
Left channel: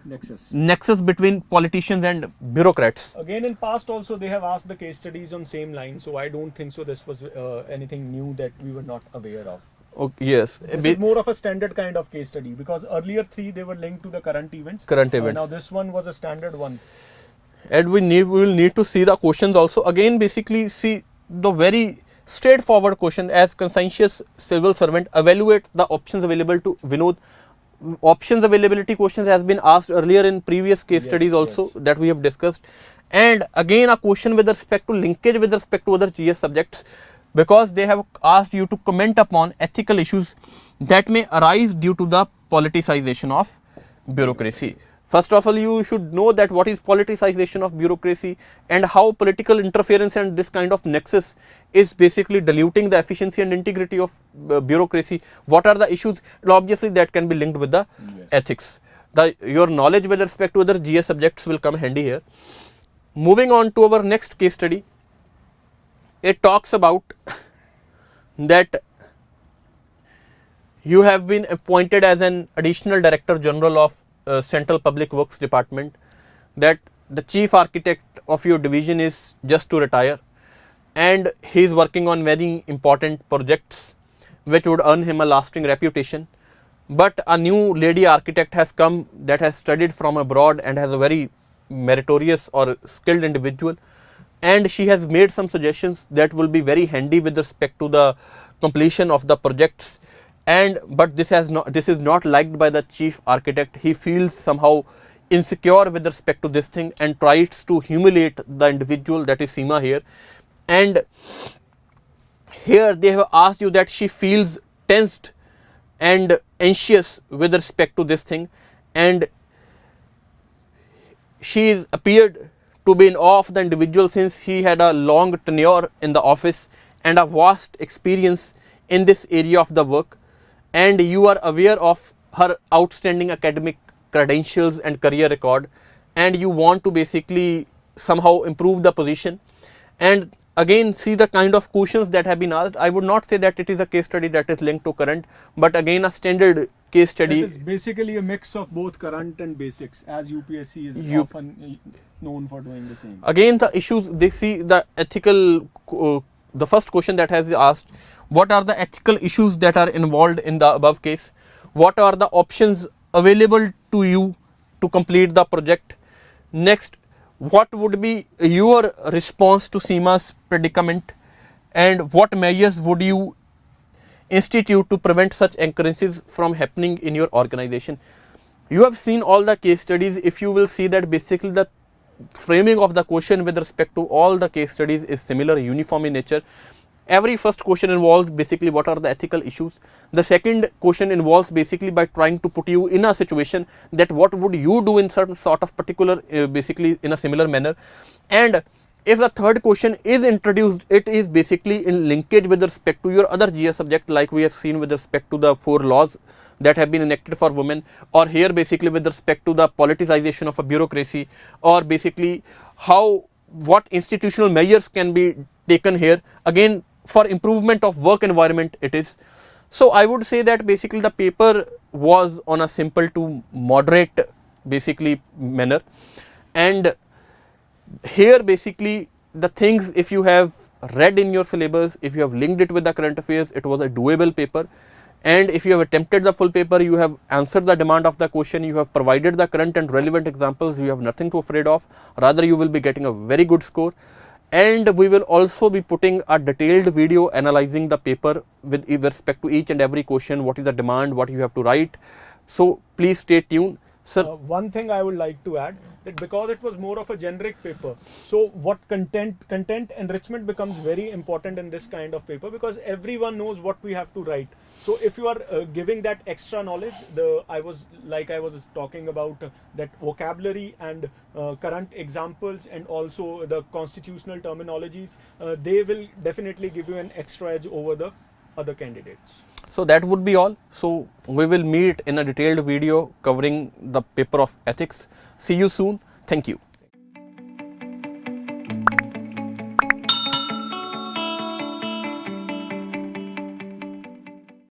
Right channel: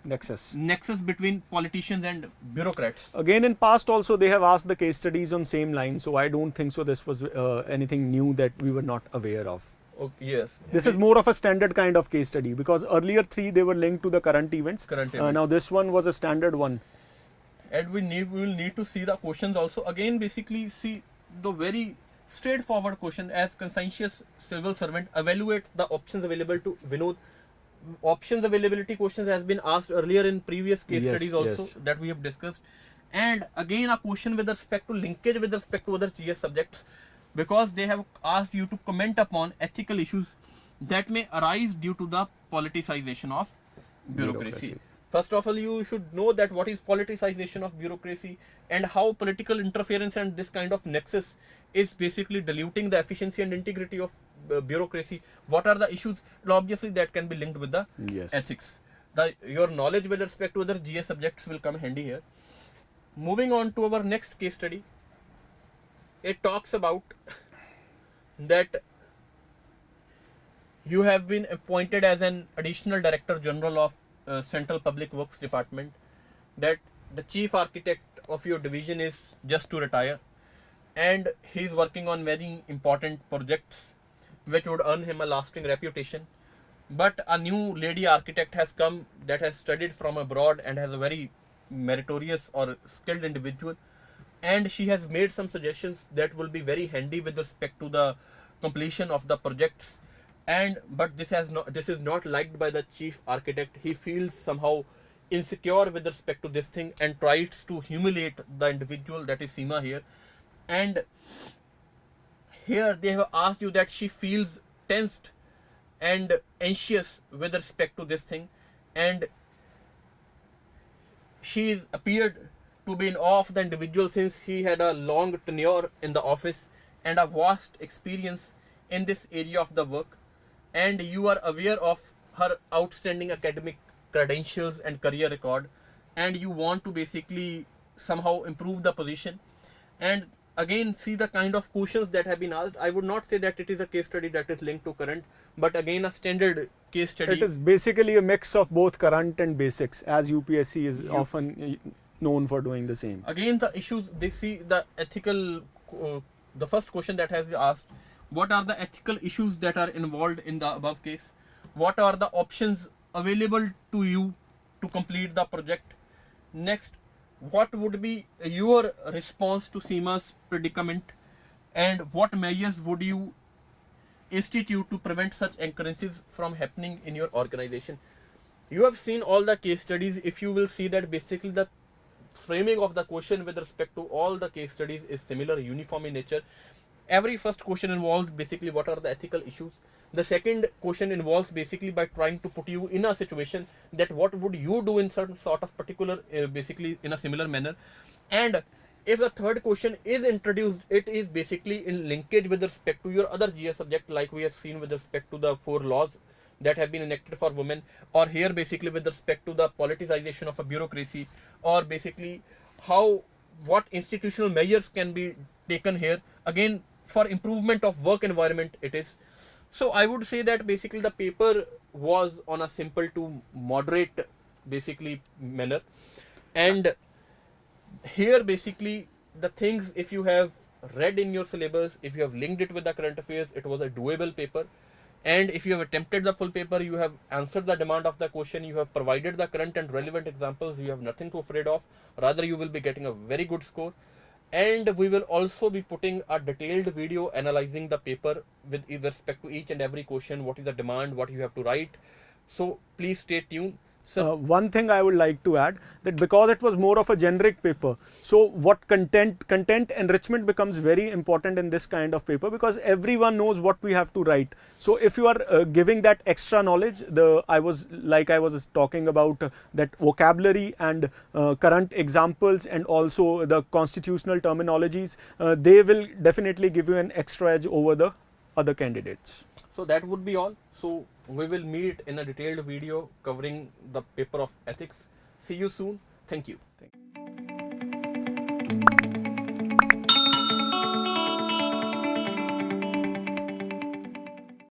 Nexus. between politicians and bureaucrats. Again, in past also they have asked the case studies on same line, so I don't think so this was anything new that we were not aware of. Okay, yes. This is more of a standard kind of case study, because earlier 3 they were linked to the current events. Now this one was a standard one. And we will need to see the questions also. Again, basically see the very straightforward question: as conscientious civil servant, evaluate the options available to Vinod. Options availability questions has been asked earlier in previous case studies also that we have discussed. And again, a question with respect to linkage with respect to other GS subjects, because they have asked you to comment upon ethical issues that may arise due to the politicization of bureaucracy. First of all, you should know that what is politicization of bureaucracy and how political interference and this kind of nexus is basically diluting the efficiency and integrity of bureaucracy. What are the issues? Well, obviously, that can be linked with the ethics. Your knowledge with respect to other GS subjects will come handy here. Moving on to our next case study, it talks about that you have been appointed as an additional Director General of Central Public Works Department, that the chief architect of your division is just to retire, and he is working on very important projects which would earn him a lasting reputation. But a new lady architect has come that has studied from abroad and has a very meritorious or skilled individual, and she has made some suggestions that will be very handy with respect to the completion of the projects. But this is not liked by the chief architect. He feels somehow insecure with respect to this thing and tries to humiliate the individual, that is Seema here. And here they have asked you that she feels tensed and anxious with respect to this thing, and she is appeared to be in awe of the individual since he had a long tenure in the office and a vast experience in this area of the work, and you are aware of her outstanding academic credentials and career record, and you want to basically somehow improve the position. And again, see the kind of questions that have been asked. I would not say that it is a case study that is linked to current, but again a standard case study. It is basically a mix of both current and basics, as UPSC is often known for doing the same. Again, the issues, they see the ethical, the first question that has asked, what are the ethical issues that are involved in the above case? What are the options available to you to complete the project? Next, what would be your response to Seema's predicament, and what measures would you institute to prevent such occurrences from happening in your organization? You have seen all the case studies. If you will see that basically the framing of the question with respect to all the case studies is similar, uniform in nature. Every first question involves basically what are the ethical issues. The second question involves basically by trying to put you in a situation that what would you do in certain sort of particular, basically in a similar manner. And if the third question is introduced, it is basically in linkage with respect to your other GS subject, like we have seen with respect to the 4 laws that have been enacted for women, or here basically with respect to the politicization of a bureaucracy, or basically what institutional measures can be taken here, again for improvement of work environment it is. So I would say that basically the paper was on a simple to moderate basically manner, and here basically the things, if you have read in your syllabus, if you have linked it with the current affairs, it was a doable paper. And if you have attempted the full paper, you have answered the demand of the question, you have provided the current and relevant examples, you have nothing to afraid of, rather you will be getting a very good score. And we will also be putting a detailed video analyzing the paper with respect to each and every question, what is the demand, what you have to write. So please stay tuned. Sir, One thing I would like to add, that because it was more of a generic paper, so what content enrichment becomes very important in this kind of paper, because everyone knows what we have to write. So if you are giving that extra knowledge, I was talking about that vocabulary and current examples and also the constitutional terminologies, they will definitely give you an extra edge over the other candidates. so that would be all. So we will meet in a detailed video covering the paper of ethics. See you soon. Thank you.